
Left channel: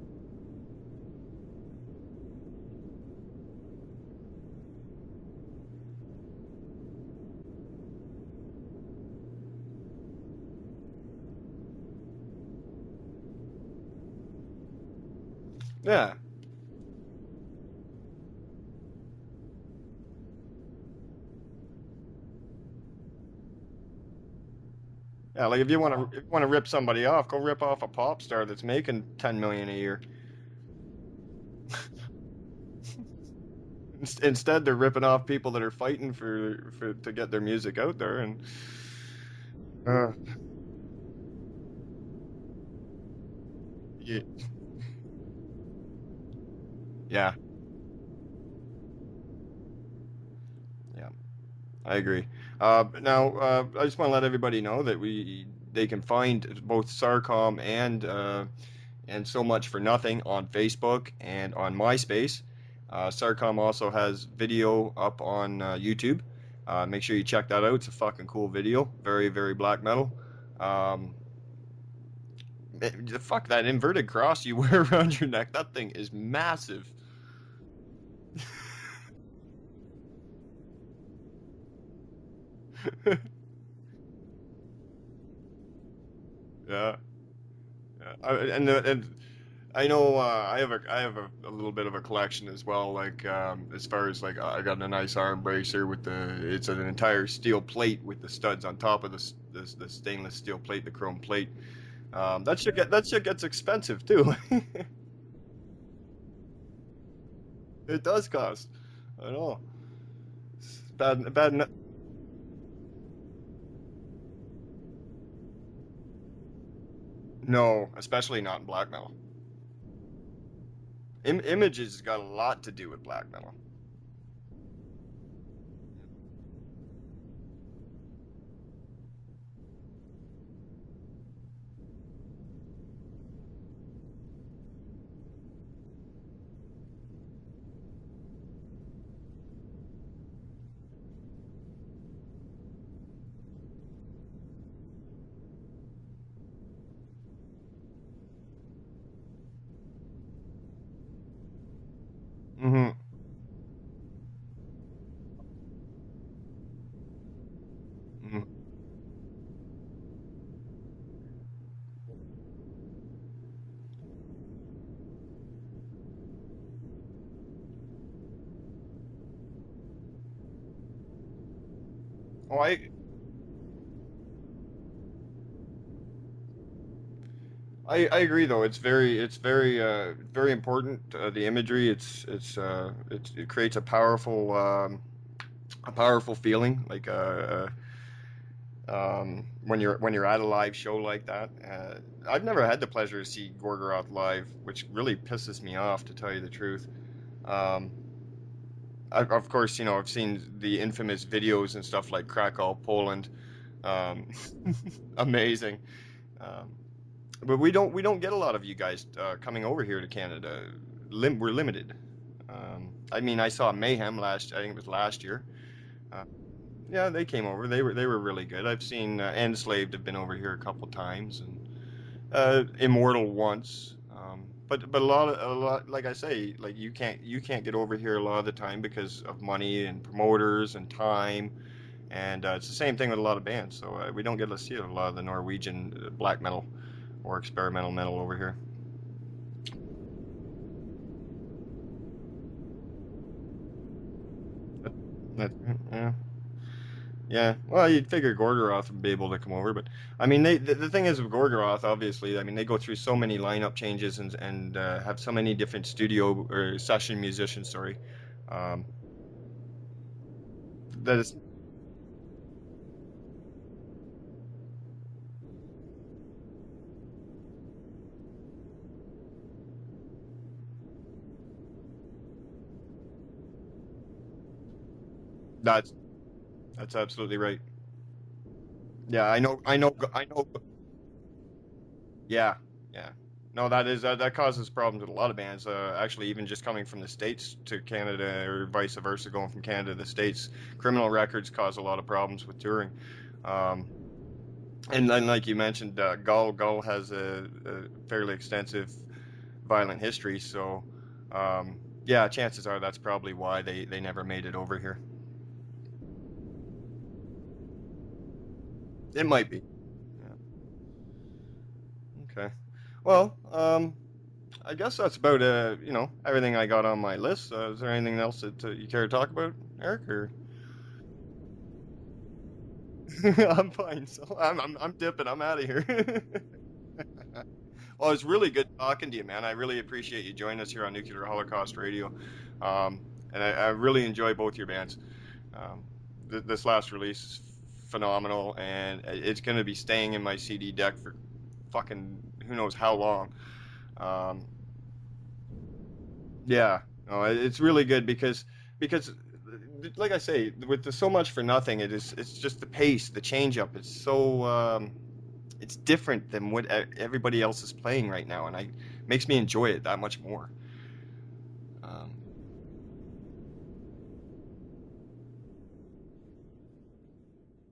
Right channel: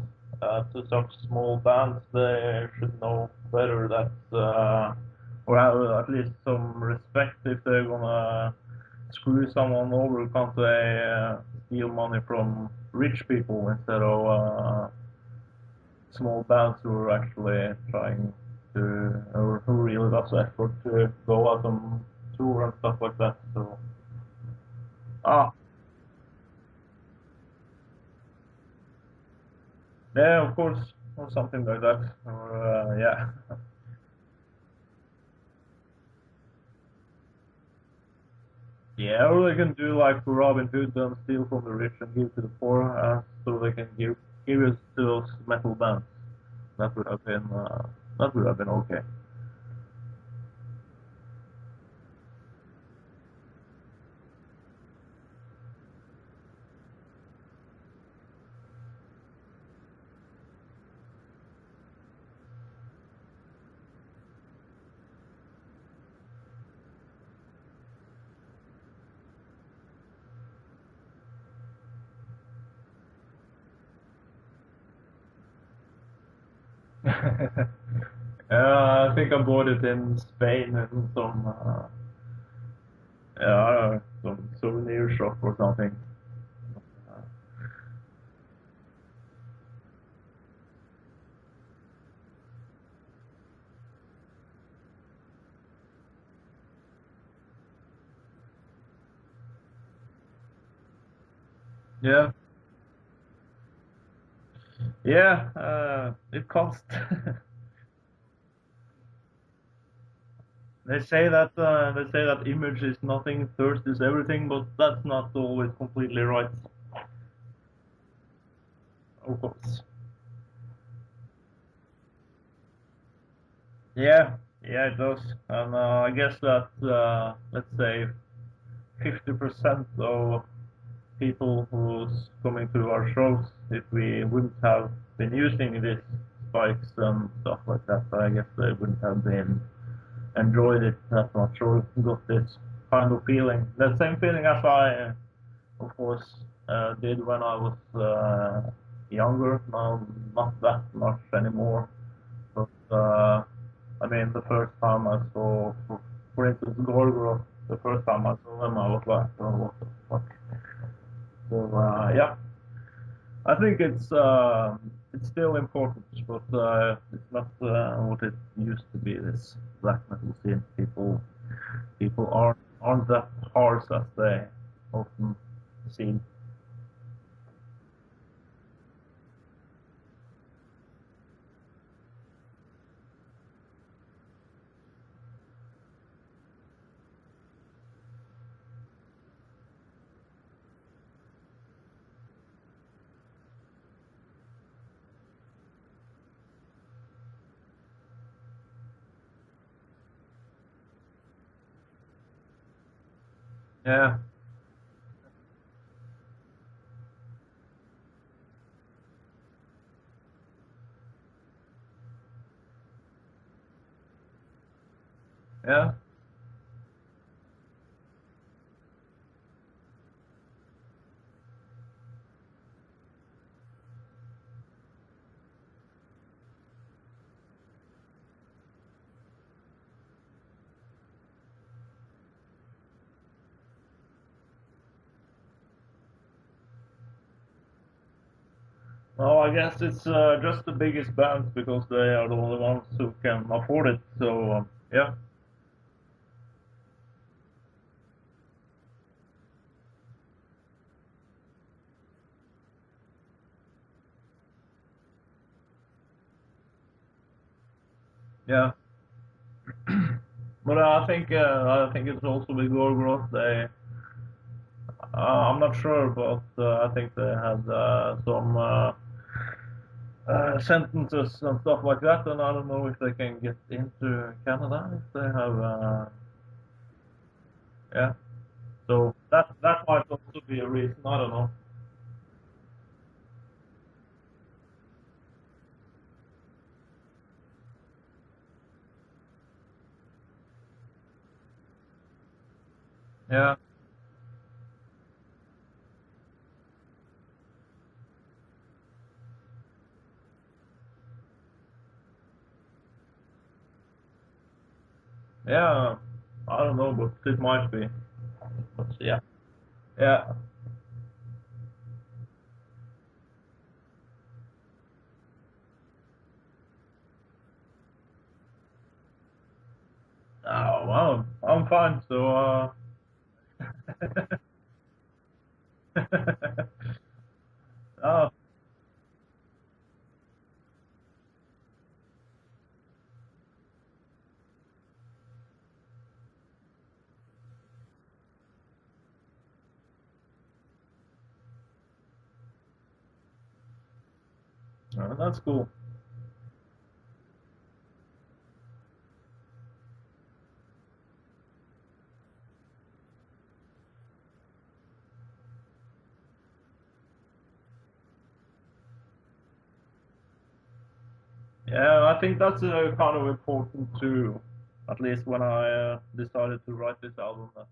to such small bands. They should know better that, or have at least some respect if they're gonna screw someone over. Can't they steal money from rich people instead of small bands who are actually trying to, or who really does effort to go out on tour and stuff like that? So. Like if you want to rip somebody off, go rip off a pop star that's making $10 million a year. Yeah, of course, or something like that. Or yeah. Instead, they're ripping off people that are fighting for to get their music out there, and yeah, or they can do like Robin Hood and steal from the rich and give to the poor, so they can give it to those metal bands. That would have been okay. Yeah, I agree. Now, I just want to let everybody know that they can find both Sarkom and So Much for Nothing on Facebook and on MySpace. Sarkom also has video up on YouTube. Make sure you check that out. It's a fucking cool video. Very, very black metal. Fuck that inverted cross you wear around your neck. That thing is massive. I think I bought it in Spain in some some souvenir shop or something. Yeah. And I know I have a little bit of a collection as well. Like as far as like I got a nice arm bracer with it's an entire steel plate with the studs on top of the stainless steel plate, the chrome plate. Yeah. That shit gets expensive too. Yeah. It costs. It does cost. I know. They say that image is nothing, thirst is everything, but that's not always completely right. No, especially not in black metal. Of course. Images got a lot to do with black metal. Yeah, it does. And I guess that, let's say, 50% of people who's coming to our shows, if we wouldn't have been using these spikes and stuff like that, I guess they wouldn't have been enjoyed it that much or got this kind of feeling. The same feeling as I, of course, did when I was younger. Now, not that much anymore. But I mean, the first time I saw, for instance, Gorgoroth, the first time I saw them, I was like, oh, what the fuck? So yeah, I think it's still important, but it's not what it used to be. This black metal scene, people aren't that harsh as they often seem. I agree though. It's very important. The imagery. It creates a powerful feeling. Like when you're at a live show like that. I've never had the pleasure to see Gorgoroth live, which really pisses me off, to tell you the truth. Of course, I've seen the infamous videos and stuff like Krakow, Poland. Yeah. Amazing. But we don't get a lot of you guys coming over here to Canada. We're limited. I mean, I saw Mayhem I think it was last year. Yeah. Yeah, they came over. They were really good. I've seen Enslaved have been over here a couple times, and Immortal once. But a lot, like I say, like you can't get over here a lot of the time because of money and promoters and time, and it's the same thing with a lot of bands. So we don't get to see a lot of the Norwegian black metal or experimental metal over here. Well, I guess it's just the biggest bands because they are the only ones who can afford it. So yeah. Yeah. Well, you'd figure Gorgoroth would be able to come over, but I mean, the thing is with Gorgoroth, obviously, I mean, they go through so many lineup changes and have so many different studio or session musicians. Sorry. Yeah. But I think it's also with Gorgoroth. I'm not sure, but I think they had some sentences and stuff like that, and I don't know if they can get into Canada if they have. That's absolutely right. Yeah. So yeah, I know. I know. Be a reason. I don't know. Yeah. No, that causes problems with a lot of bands. Actually, even just coming from the States to Canada or vice versa, going from Canada to the States, criminal records cause a lot of problems with touring. Yeah. And then, like you mentioned, Gull has a fairly extensive violent history. So, yeah, chances are that's probably why they never made it over here. Yeah, I don't know, but it might be. But yeah. It might be. Yeah. Okay. Well, I guess that's about everything I got on my list. Is there anything else that you care to talk about, Erik? Or? Oh well, I'm fine. So. I'm fine. So I'm dipping. I'm out of here. Well, it was really good talking to you, man. I really appreciate you joining us here on Nuclear Holocaust Radio, and I really enjoy both your bands. This last release is phenomenal, and it's going to be staying in my CD deck for fucking who knows how long. That's cool. Yeah, no, it's really good because like I say, with the So Much for Nothing, it's just the pace, the change up. It's so it's different than what everybody else is playing right now, and it makes me enjoy it that much more. Yeah, I think that's kind of important too. At least when I decided to write this album, that